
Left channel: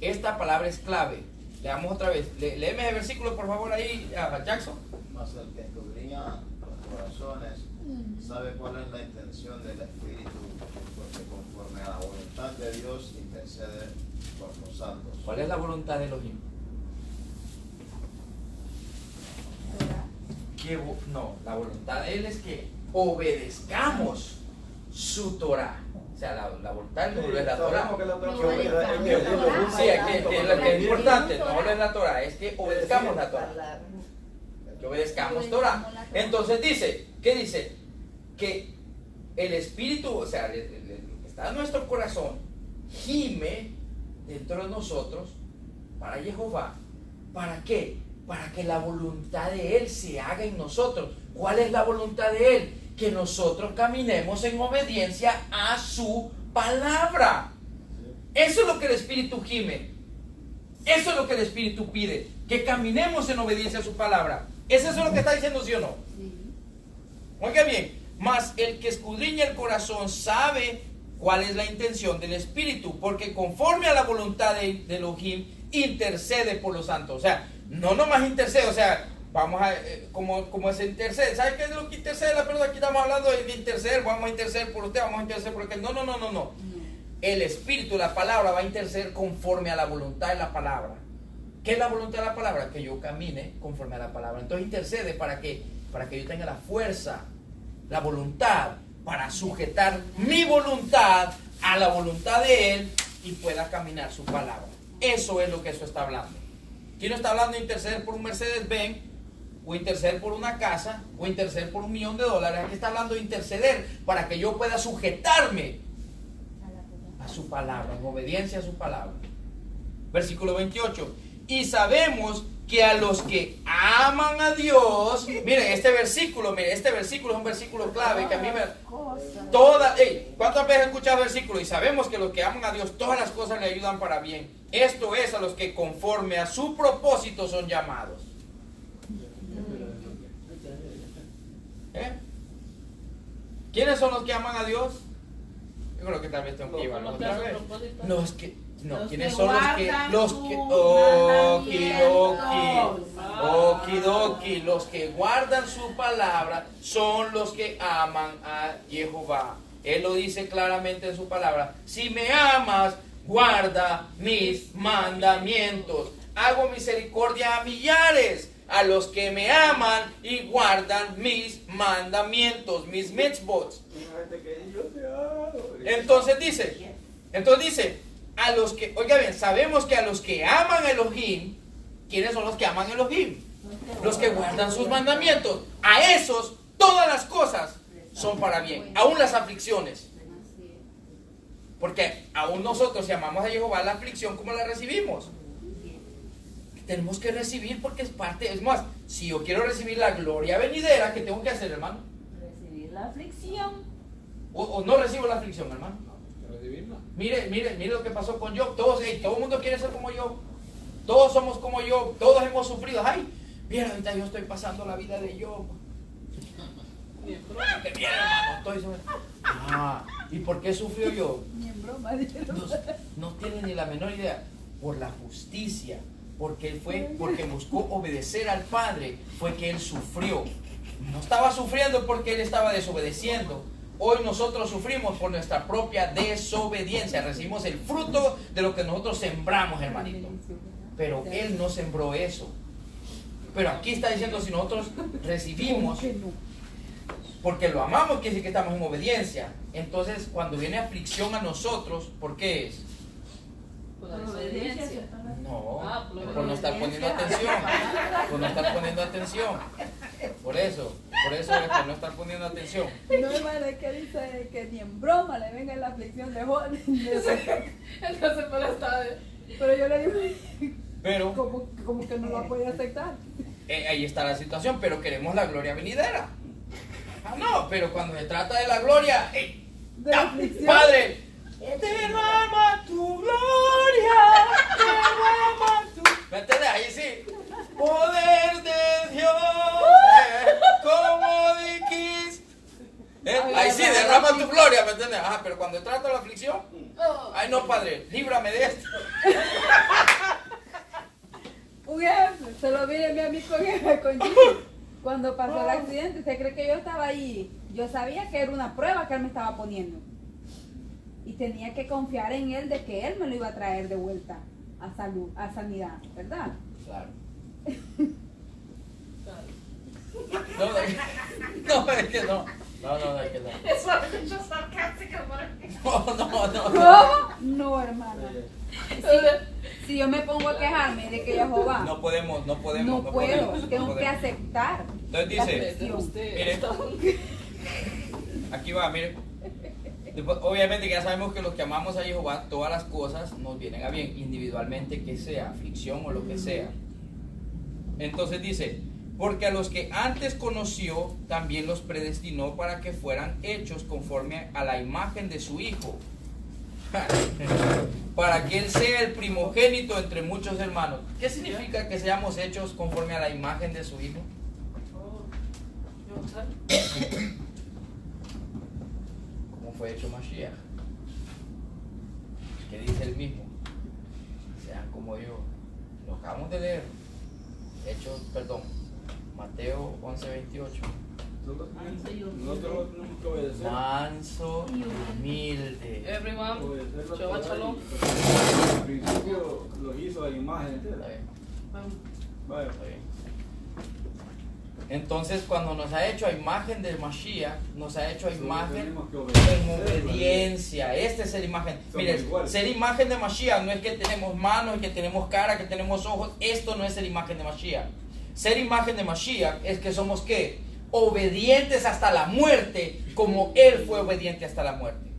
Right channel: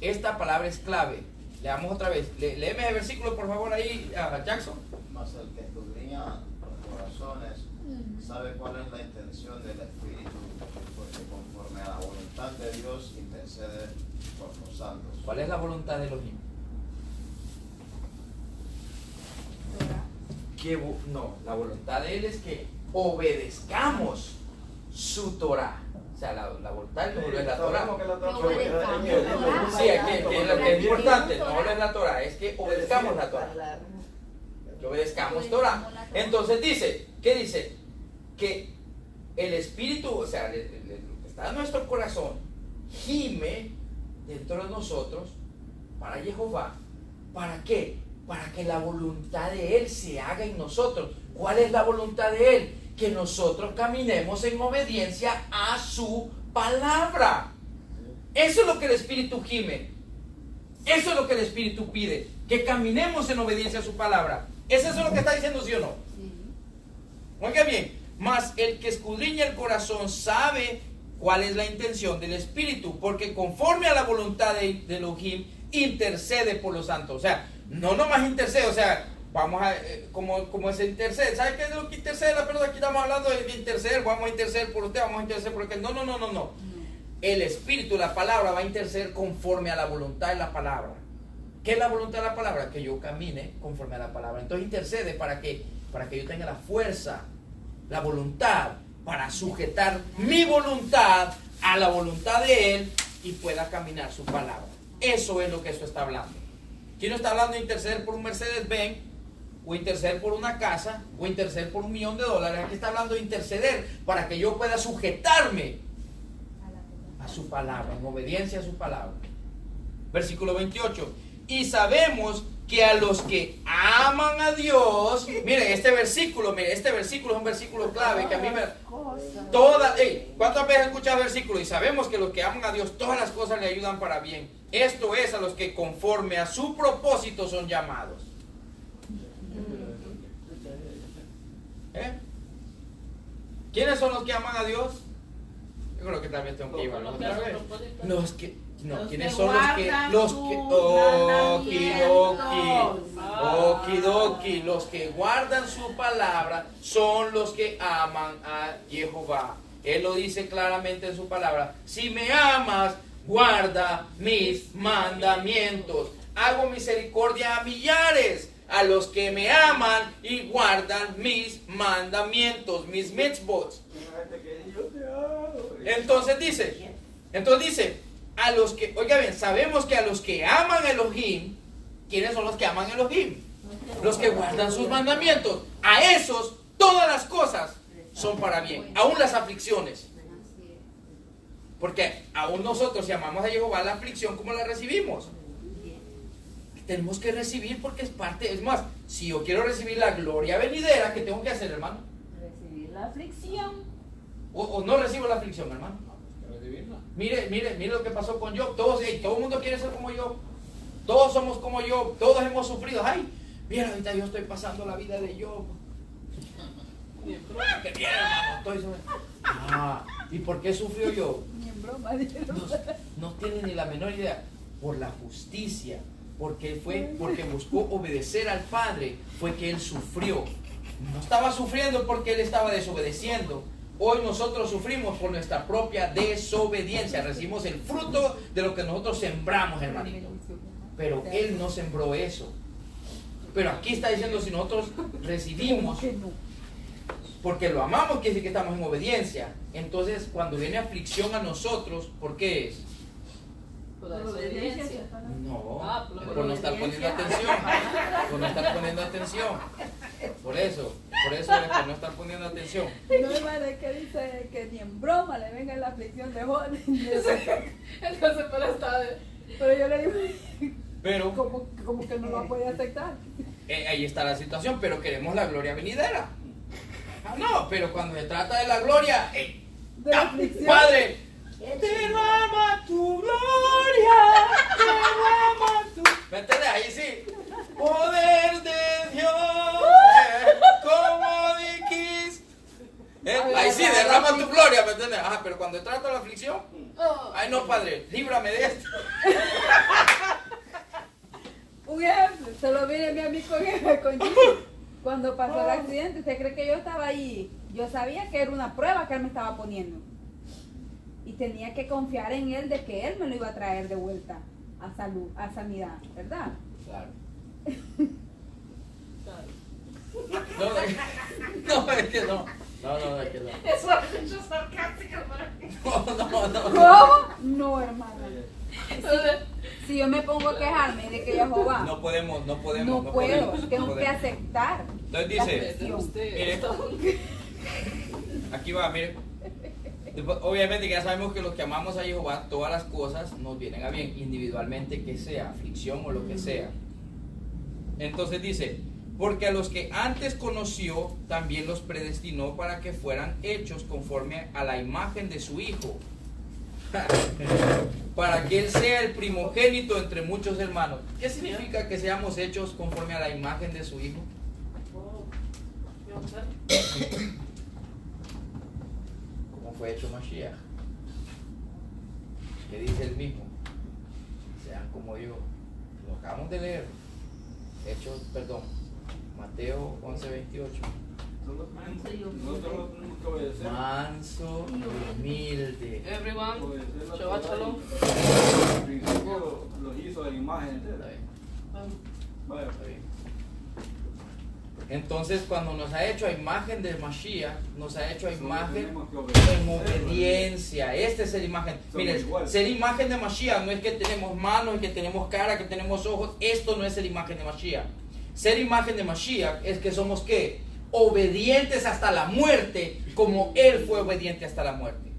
Esta palabra es clave. Leamos otra vez. Léeme el versículo, por favor, ahí, Jackson. Mas el que escudriña los corazones sabe cuál es la intención del Espíritu, porque conforme a la voluntad de Dios intercede por los santos. ¿Cuál es la voluntad de Elohim? No, la voluntad de Él es que obedezcamos su Torah. O sea, la voluntad de Él no es la Torah. Sí, que es importante, no es la Torah, es que obedezcamos la Torah. Que obedezcamos Torah. Entonces dice, ¿qué dice? Que el Espíritu, o sea, lo que está en nuestro corazón, gime dentro de nosotros para Jehová. ¿Para qué? Para que la voluntad de Él se haga en nosotros. ¿Cuál es la voluntad de Él? Que nosotros caminemos en obediencia a su palabra. Eso es lo que el Espíritu gime. Eso es lo que el Espíritu pide. Que caminemos en obediencia a su palabra. ¿Es eso lo que está diciendo, sí o no? Oiga bien, mas el que escudriña el corazón sabe cuál es la intención del Espíritu, porque conforme a la voluntad de Elohim intercede por los santos. O sea, no nomás intercede, o sea, vamos a, como se intercede. ¿Sabe qué es lo que intercede la persona? Aquí estamos hablando de interceder, vamos a interceder por usted, vamos a interceder por aquel. No. El Espíritu, la palabra, va a interceder conforme a la voluntad de la palabra. ¿Qué es la voluntad de la palabra? Que yo camine conforme a la palabra. Entonces intercede para que yo tenga la fuerza, la voluntad, para sujetar mi voluntad a la voluntad de Él y pueda caminar su palabra. Eso es lo que eso está hablando. Aquí no está hablando de interceder por un Mercedes-Benz, o interceder por una casa, o interceder por $1 millón. Aquí está hablando de interceder para que yo pueda sujetarme a su palabra, en obediencia a su palabra. Versículo 28. Y sabemos que a los que aman a Dios, miren, este versículo es un versículo clave que a mí me... ¿Cuántas veces he escuchado el versículo? Y sabemos que los que aman a Dios, todas las cosas le ayudan para bien. Esto es a los que conforme a su propósito son llamados. ¿Quiénes son los que aman a Dios? Yo creo que también tengo que llevarlos otra vez. ¿Quiénes son los que guardan su palabra son los que aman a Jehová. Él lo dice claramente en su palabra. Si me amas, guarda mis mandamientos. Hago misericordia a millares, a los que me aman y guardan mis mandamientos, mis mitzvot. Entonces dice, a los que, oiga bien, sabemos que a los que aman Elohim, ¿quiénes son los que aman Elohim? Los que guardan sus mandamientos. A esos, todas las cosas son para bien, aún las aflicciones. Porque aún nosotros, si amamos a Jehová, la aflicción, ¿cómo la recibimos? Tenemos que recibir porque es parte. Es más, si yo quiero recibir la gloria venidera, ¿qué tengo que hacer, hermano? Recibir la aflicción. O no recibo la aflicción, hermano. Mire lo que pasó con Job. Todo el mundo quiere ser como yo. Todos somos como yo. Todos hemos sufrido. Ay, mira, ahorita yo estoy pasando la vida de Job. Que mira, hermano, ¿y por qué sufrió Job? No tiene ni la menor idea. Por la justicia. Porque buscó obedecer al Padre, fue que él sufrió. No estaba sufriendo porque él estaba desobedeciendo. Hoy nosotros sufrimos por nuestra propia desobediencia. Recibimos el fruto de lo que nosotros sembramos, hermanito. Pero él no sembró eso. Pero aquí está diciendo, si nosotros recibimos porque lo amamos, quiere decir que estamos en obediencia. Entonces, cuando viene aflicción a nosotros, ¿por qué es? Por la desobediencia. No, por no estar poniendo atención. Por no estar poniendo atención. Por eso es por no estar poniendo atención. No, hermano, es que dice que ni en broma le venga la aflicción de joven. Entonces, Pero yo le digo, Pero como que no lo puede aceptar. ahí está la situación, pero queremos la gloria venidera. No, pero cuando se trata de la gloria, De la aflicción. Padre, derrama tu gloria, derrama tu... ¿Me entiendes? Ahí sí. Poder de Dios, como dijiste. Ahí sí, derrama tu gloria, ¿me entiendes? Pero cuando se trata de la aflicción, ay no, Padre, líbrame de esto. Un ejemplo, se lo vi a mí con Gigi. Cuando pasó el accidente, ¿usted cree que yo estaba ahí? Yo sabía que era una prueba que él me estaba poniendo. Y tenía que confiar en él de que él me lo iba a traer de vuelta a salud, a sanidad, ¿verdad? Claro. No, es que no. No, es que no. Eso es sarcástico, No. ¿Cómo? No, hermana. Si yo me pongo a quejarme de que Jehová No podemos. no puedo, tengo que aceptar. Entonces dice, mire, aquí va, mire. Obviamente que ya sabemos que los que amamos a Jehová, todas las cosas nos vienen a bien, individualmente que sea, aflicción o lo que sea. Entonces dice, porque a los que antes conoció, también los predestinó para que fueran hechos conforme a la imagen de su Hijo, para que Él sea el primogénito entre muchos hermanos. ¿Qué significa que seamos hechos conforme a la imagen de su Hijo? ¿Cómo fue hecho Mashiach? ¿Qué dice él mismo? Sean como yo. Lo acabamos de leer. Mateo 11:28. Manso y humilde. Everyone, Shabbat Shalom. Al principio lo hizo en imagen. Está bien, Bueno, está bien. Entonces, cuando nos ha hecho a imagen de Mashiach, nos ha hecho a imagen en obediencia. Esta es la imagen. Miren, ser imagen de Mashiach no es que tenemos manos, que tenemos cara, que tenemos ojos. Esto no es la imagen de Mashiach. Ser imagen de Mashiach es que somos ¿qué? Obedientes hasta la muerte, como Él fue obediente hasta la muerte.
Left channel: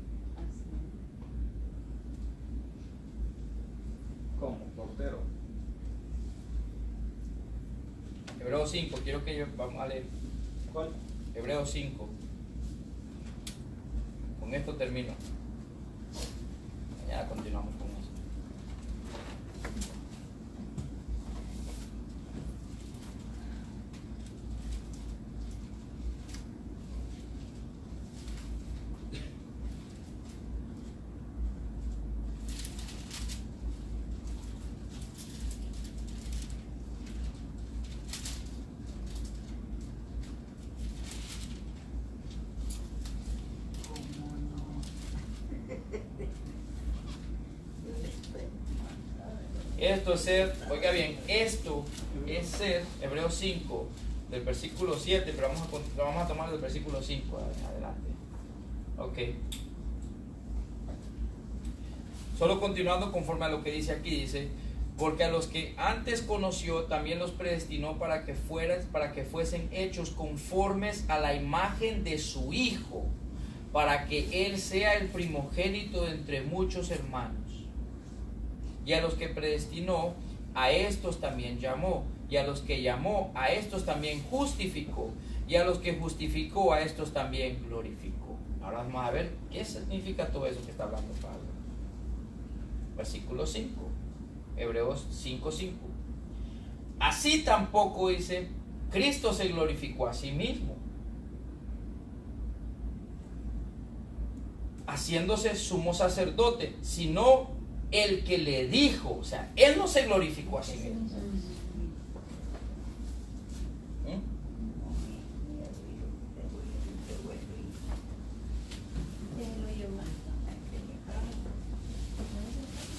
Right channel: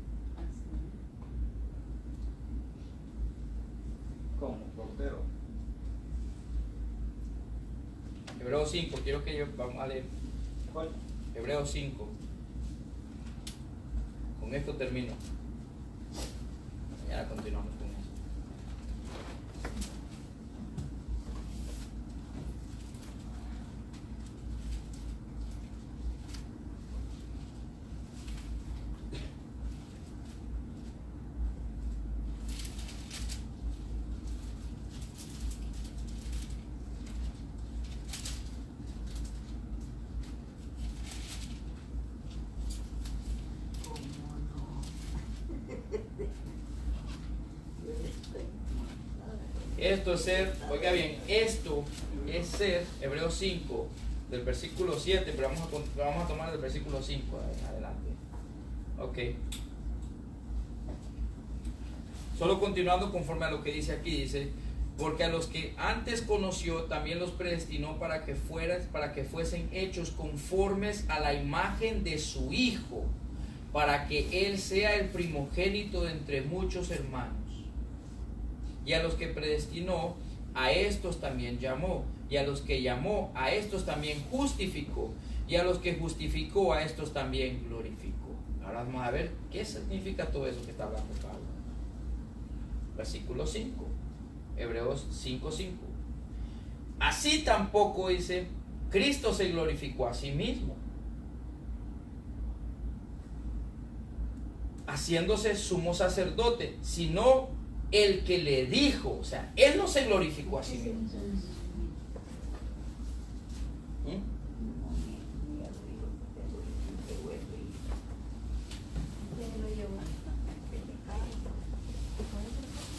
Hebreos 5, quiero que vamos a leer. ¿Cuál? Hebreos 5. Con esto termino. Mañana continuamos con eso. Esto es ser, oiga bien, esto es ser, Hebreos 5, del versículo 7, pero vamos a tomar del versículo 5 en adelante. Ok. Solo continuando conforme a lo que dice aquí, dice, porque a los que antes conoció también los predestinó para que fuesen hechos conformes a la imagen de su Hijo, para que Él sea el primogénito de entre muchos hermanos. Y a los que predestinó, a estos también llamó. Y a los que llamó, a estos también justificó. Y a los que justificó, a estos también glorificó. Ahora vamos a ver qué significa todo eso que está hablando Pablo. Versículo 5. Hebreos 5:5. Así tampoco, dice, Cristo se glorificó a sí mismo, haciéndose sumo sacerdote, sino el que le dijo, o sea, Él no se glorificó a sí mismo.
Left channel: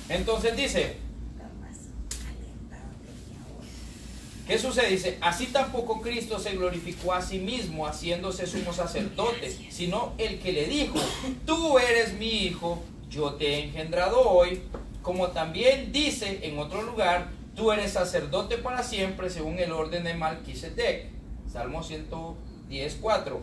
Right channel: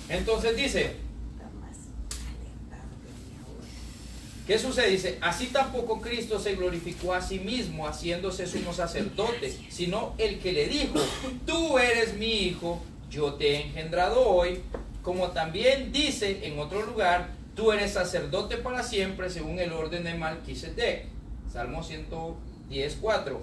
Entonces dice, ¿qué sucede? Dice, así tampoco Cristo se glorificó a sí mismo, haciéndose sumo sacerdote, sino el que le dijo, tú eres mi hijo, yo te he engendrado hoy, como también dice en otro lugar, tú eres sacerdote para siempre según el orden de Melquisedec. Salmo 110:4.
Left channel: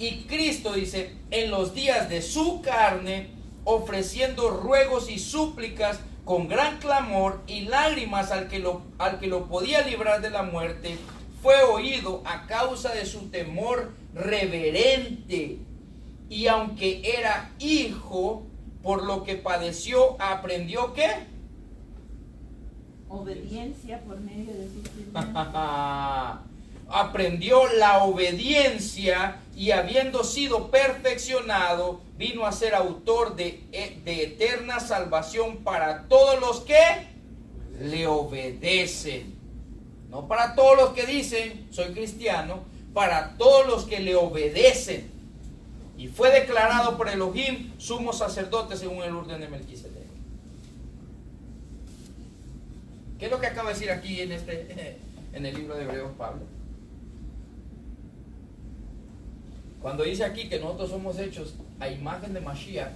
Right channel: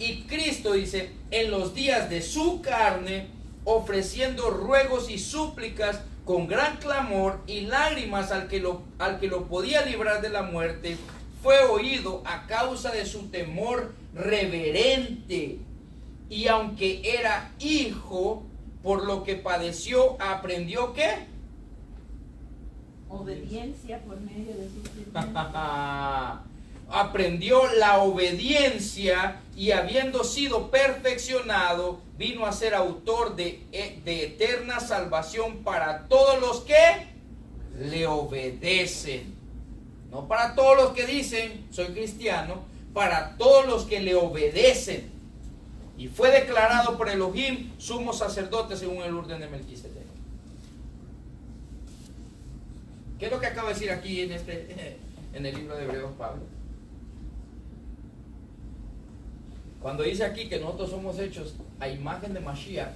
Y Cristo dice, en los días de su carne, ofreciendo ruegos y súplicas con gran clamor y lágrimas al que lo podía librar de la muerte, fue oído a causa de su temor reverente. Y aunque era hijo, por lo que padeció, aprendió ¿qué? Obediencia por medio de sufrimiento. Aprendió la obediencia y habiendo sido perfeccionado, vino a ser autor de eterna salvación para todos los que le obedecen. No para todos los que dicen, soy cristiano, para todos los que le obedecen. Y fue declarado por Elohim sumo sacerdote según el orden de Melquisedec. ¿Qué es lo que acaba de decir aquí en el libro de Hebreos Pablo? Cuando dice aquí que nosotros somos hechos a imagen de Mashiach,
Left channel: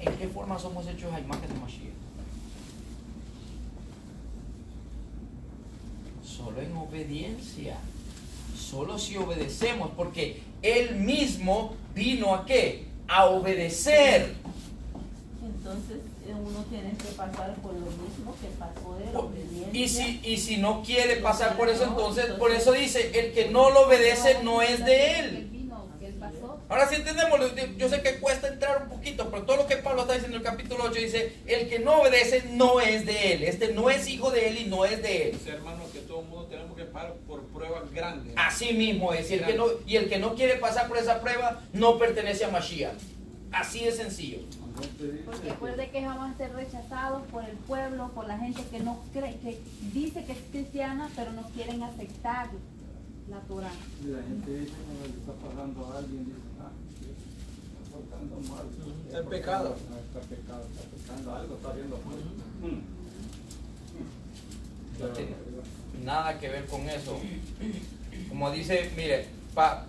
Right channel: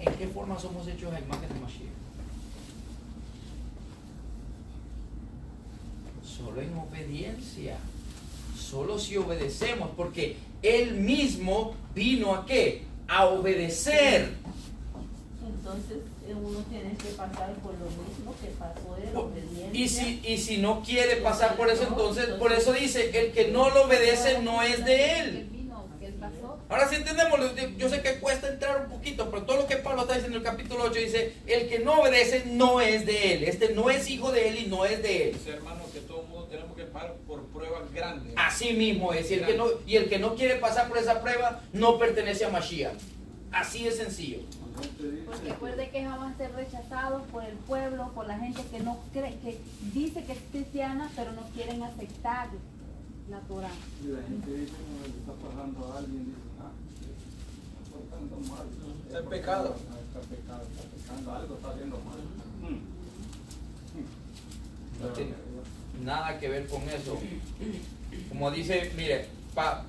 ¿en qué forma somos hechos a imagen de Mashiach? Solo en obediencia. Solo si obedecemos, porque Él mismo vino ¿a qué? A obedecer. Entonces uno tiene que pasar por lo mismo que pasó de la obediencia. Y si no quiere pasar por eso, entonces por eso dice, el que no lo obedece no es de Él. Ahora sí entendemos, yo sé que cuesta entrar un poquito, pero todo lo que Pablo está diciendo en el capítulo 8 dice, el que no obedece no es de Él. Este no es hijo de Él y no es de Él. Dice, hermano, que todo el mundo tenemos que pasar por pruebas grandes. Así mismo es. Y el que no quiere pasar por esa prueba no pertenece a Mashiach. Así de sencillo. Porque recuerde que vamos a ser rechazados por el pueblo, por la gente que no cree, que dice que es cristiana, pero no quieren aceptar la Torah. Y la gente dice, como le está pasando a alguien, dice, está pasando mal. Está en pecado. Está pecando algo, está haciendo mal. No tiene nada que ver con eso. Como dice, mire,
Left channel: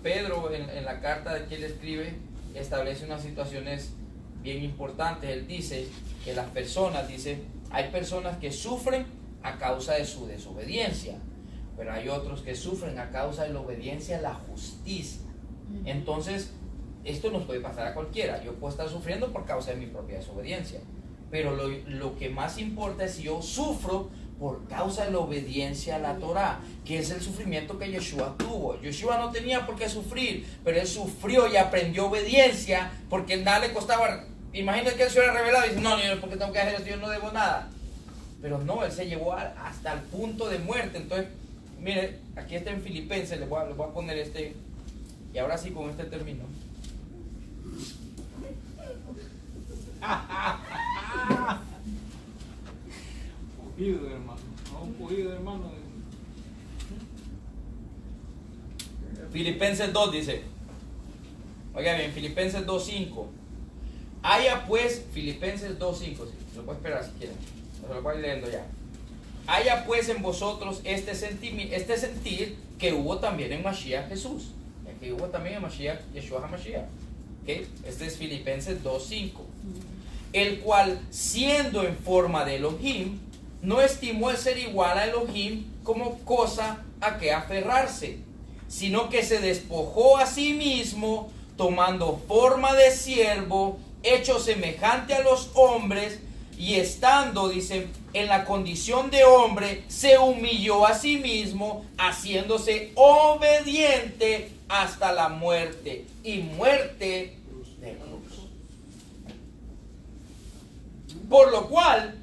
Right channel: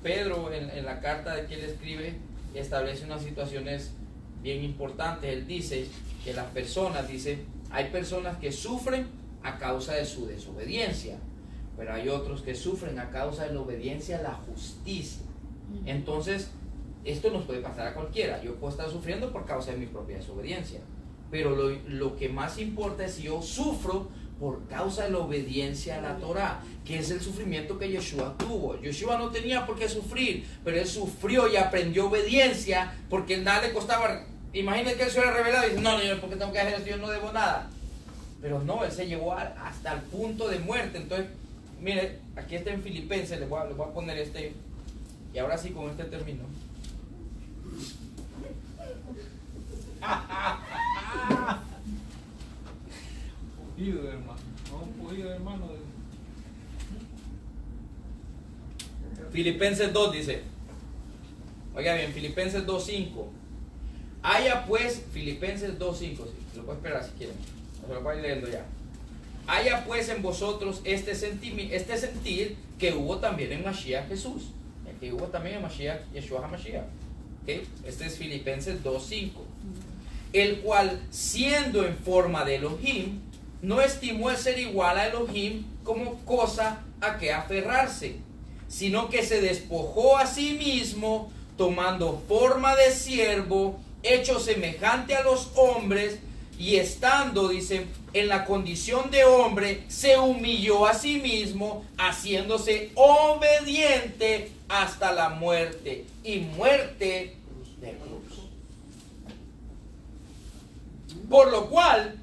Pedro en la carta de que él escribe, establece unas situaciones bien importantes. Él dice que las personas, hay personas que sufren a causa de su desobediencia, pero hay otros que sufren a causa de la obediencia a la justicia. Entonces, esto nos puede pasar a cualquiera. Yo puedo estar sufriendo por causa de mi propia desobediencia, pero lo que más importa es si yo sufro por causa de la obediencia a la Torah, que es el sufrimiento que Yeshua tuvo. Yeshua no tenía por qué sufrir, pero él sufrió y aprendió obediencia porque nada le costaba. Imagínate que él se hubiera revelado y dice, no, ¿por qué tengo que hacer esto? Yo no debo nada. Pero no, él se llevó hasta el punto de muerte. Entonces, mire, aquí está en Filipenses, les voy a poner este, y ahora sí con este termino. Pujido, hermano. No, un pujido, hermano. Filipenses 2 dice, oiga bien, Filipenses 2.5. Haya pues, Filipenses 2.5, sí, lo puedo esperar si quieren, no se lo voy a ir leyendo ya. Haya pues en vosotros este sentir que hubo también en Mashiach Jesús, que hubo también en Mashiach, Yeshua HaMashiach. ¿Okay? Este es Filipenses 2.5. El cual, siendo en forma de Elohim, no estimó el ser igual a Elohim como cosa a que aferrarse, sino que se despojó a sí mismo, tomando forma de siervo, hecho semejante a los hombres, y estando, dice, en la condición de hombre, se humilló a sí mismo, haciéndose obediente hasta la muerte, y muerte de cruz. Por lo cual,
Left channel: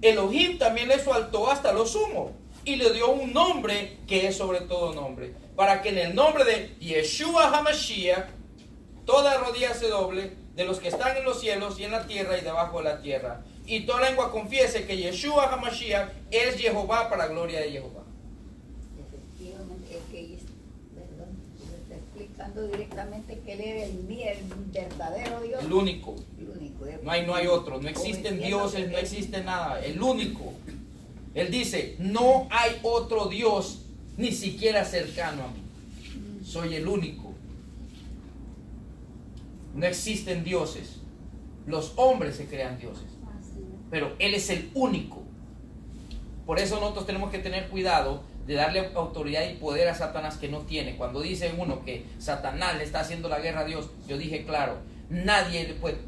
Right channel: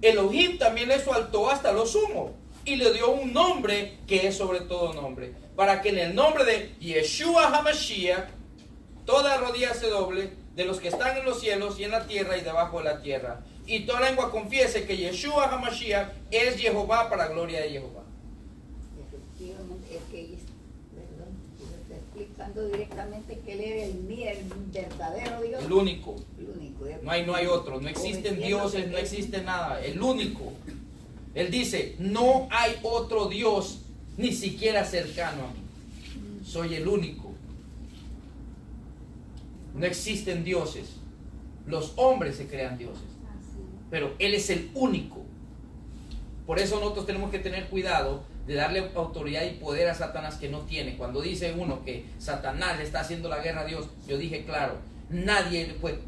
Elohim también le exaltó hasta lo sumo, y le dio un nombre que es sobre todo nombre, para que en el nombre de Yeshua HaMashiach, toda rodilla se doble, de los que están en los cielos y en la tierra y debajo de la tierra, y toda lengua confiese que Yeshua HaMashiach es Jehová, para gloria de Jehová. Efectivamente, es que está explicando directamente que él era el verdadero Dios. El único. El único. No hay otro. No existen dioses, no existe nada. El único. Él dice, no hay otro Dios ni siquiera cercano a mí. Soy el único. No existen dioses. Los hombres se crean dioses. Pero Él es el único. Por eso nosotros tenemos que tener cuidado de darle autoridad y poder a Satanás que no tiene. Cuando dice uno que Satanás le está haciendo la guerra a Dios, yo dije claro, nadie puede,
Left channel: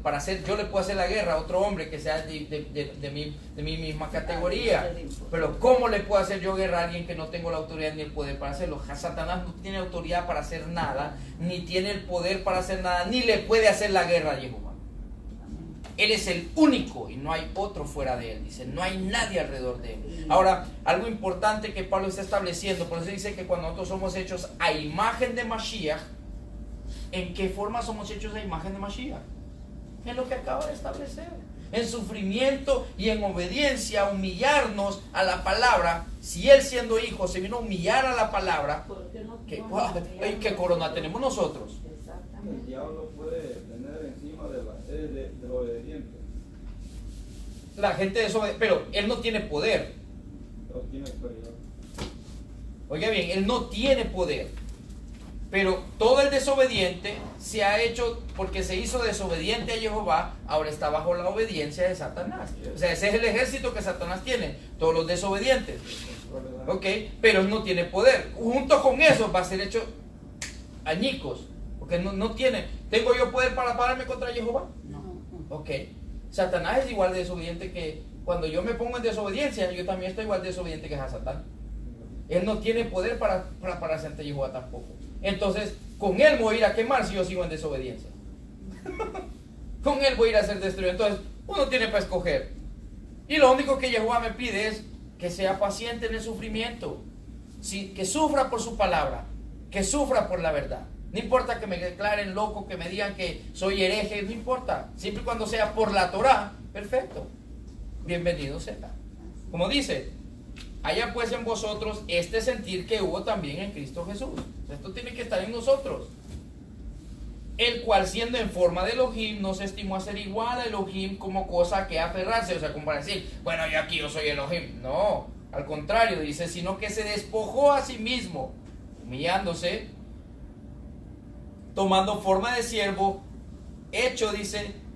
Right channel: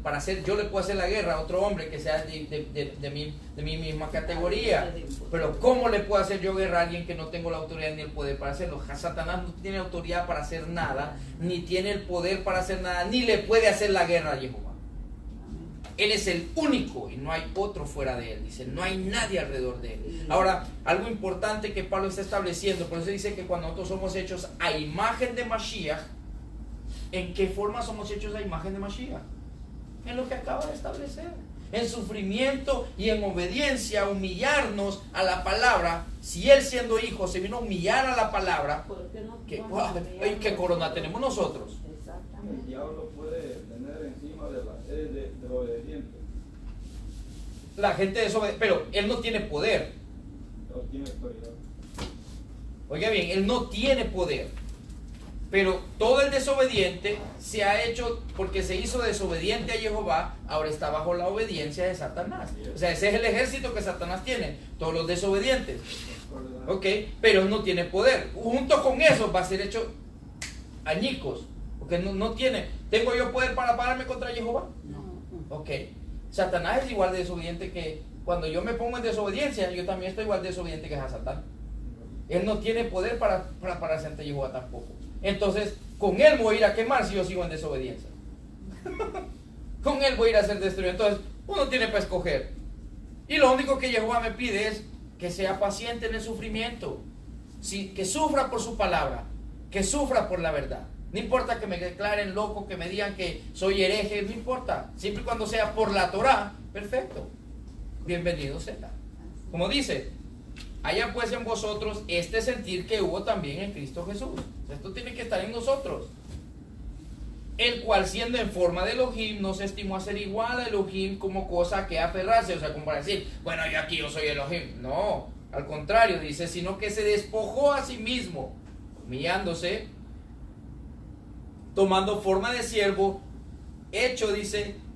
yo le puedo hacer la guerra a otro hombre que sea de mi misma categoría. Pero ¿cómo le puedo hacer yo guerra a alguien que no tengo la autoridad ni el poder para hacerlo? Satanás no tiene autoridad para hacer nada, ni tiene el poder para hacer nada, ni le puede hacer la guerra a Jehová. Él es el único y no hay otro fuera de él. Dice, no hay nadie alrededor de él. Ahora, algo importante que Pablo está estableciendo, por eso dice que cuando nosotros somos hechos a imagen de Mashiach, ¿en qué forma somos hechos a imagen de Mashiach? En lo que acaba de establecer. En sufrimiento y en obediencia, humillarnos a la palabra. Si él siendo hijo se vino a humillar a la palabra, ¿qué corona tenemos nosotros? El diablo puede tener encima de la serie de obedientes. La gente desobedece, pero él no tiene poder. Pero tiene autoridad. Oiga bien, él no tiene poder. Pero todo el desobediente se ha hecho, porque se hizo desobediente a Jehová, ahora está bajo la obediencia de Satanás. O sea, ese es el ejército que Satanás tiene, todos los desobedientes. Ok, pero no tiene poder. Junto con eso va a ser hecho añicos. Porque no tiene. ¿Tengo yo poder para pararme contra Jehová? No. Ok. Satanás es igual de desobediente que cuando yo me pongo en desobediencia, yo también estoy igual de desobediente que a Satán. Él no tiene poder para pararse ante Jehová tampoco. Entonces, con él voy a ir a quemar si yo sigo en desobediencia. Con él voy a ir a ser destruido. Entonces, uno tiene para escoger. Y lo único que Jehová me pide es que sea paciente en el sufrimiento. Que sufra por su palabra. Que sufra por la verdad. No importa que me declaren loco, que me digan que soy hereje, no importa. Siempre y cuando sea por la Torah, perfecto. Bienvenido sea. Como dice, haya pues en vosotros este sentir que hubo también en Cristo Jesús. Esto tiene que estar en nosotros. El cual, siendo en forma de Elohim, no se estimó a ser igual a Elohim como cosa que aferrarse. O sea, como para decir, bueno, yo soy Elohim. No, al contrario, dice, sino que se despojó a sí mismo, humillándose, tomando forma de siervo, hecho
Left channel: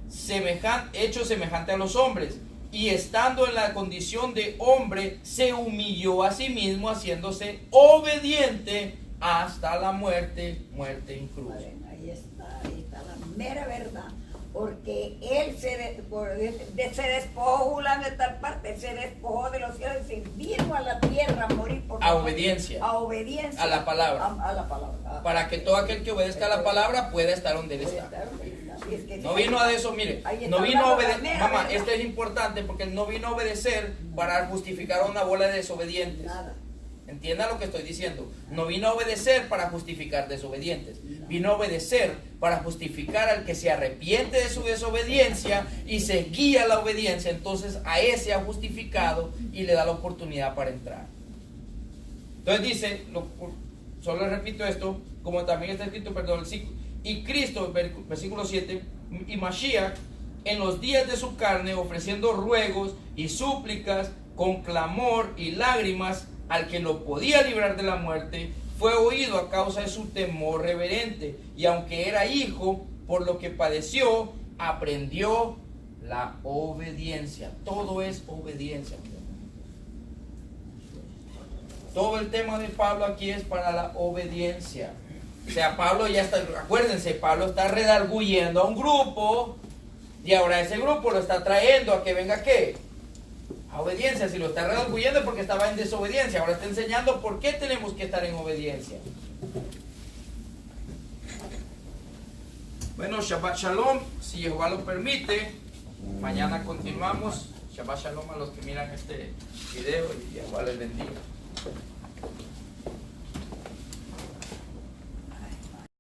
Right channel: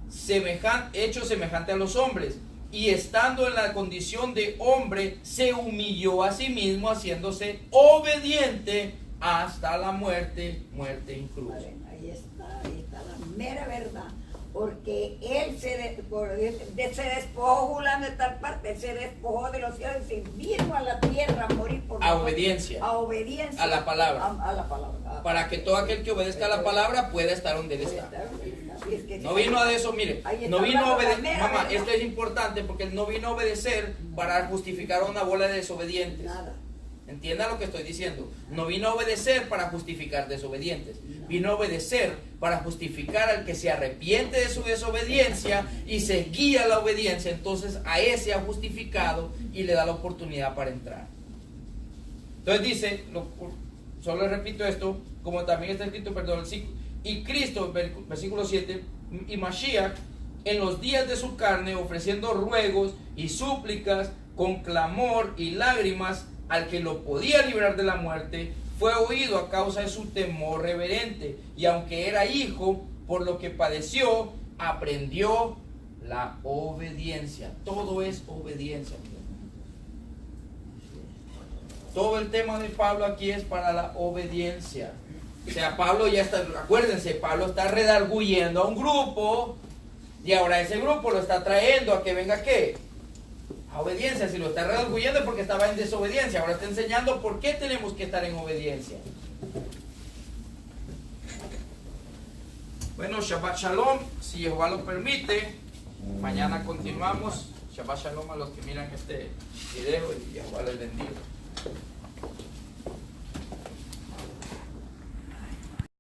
semejante a los hombres, y estando en la condición de hombre, se humilló a sí mismo, haciéndose obediente hasta la muerte en cruz. Ahí está la mera verdad. porque él se despojó, fulano de tal parte, se despojó de los cielos y se vino a la tierra a morir por A nosotros. obediencia. A obediencia. A la palabra. A la palabra. Para que todo aquel que obedezca a la palabra pueda estar donde él está. No vino a eso, mire, no vino a obedecer, mamá, esto es importante porque no vino a obedecer para justificar a una bola de desobedientes. Nada. Entienda lo que estoy diciendo. No vino a obedecer para justificar desobedientes. Vino a obedecer para justificar al que se arrepiente de su desobediencia y se guía a la obediencia. Entonces a ese ha justificado y le da la oportunidad para entrar. Entonces dice, solo le repito esto, como también está escrito, perdón, y Cristo, versículo 7, y Mashiach, en los días de su carne, ofreciendo ruegos y súplicas con clamor y lágrimas al que lo podía librar de la muerte, fue oído a causa de su temor reverente, y aunque era hijo, por lo que padeció, aprendió la obediencia. Todo es obediencia. Todo el tema de Pablo aquí es para la obediencia. O sea, Pablo ya está, acuérdense, Pablo está redarguyendo a un grupo y ahora ese grupo lo está trayendo a que venga ¿qué? A obediencia. Si lo está redarguyendo es porque estaba en desobediencia. Ahora está enseñando por qué tenemos que estar en obediencia. Bueno, Shabbat Shalom, si Jehová lo permite, mañana continuamos. Shabbat Shalom a los que miran este video y Jehová los bendiga.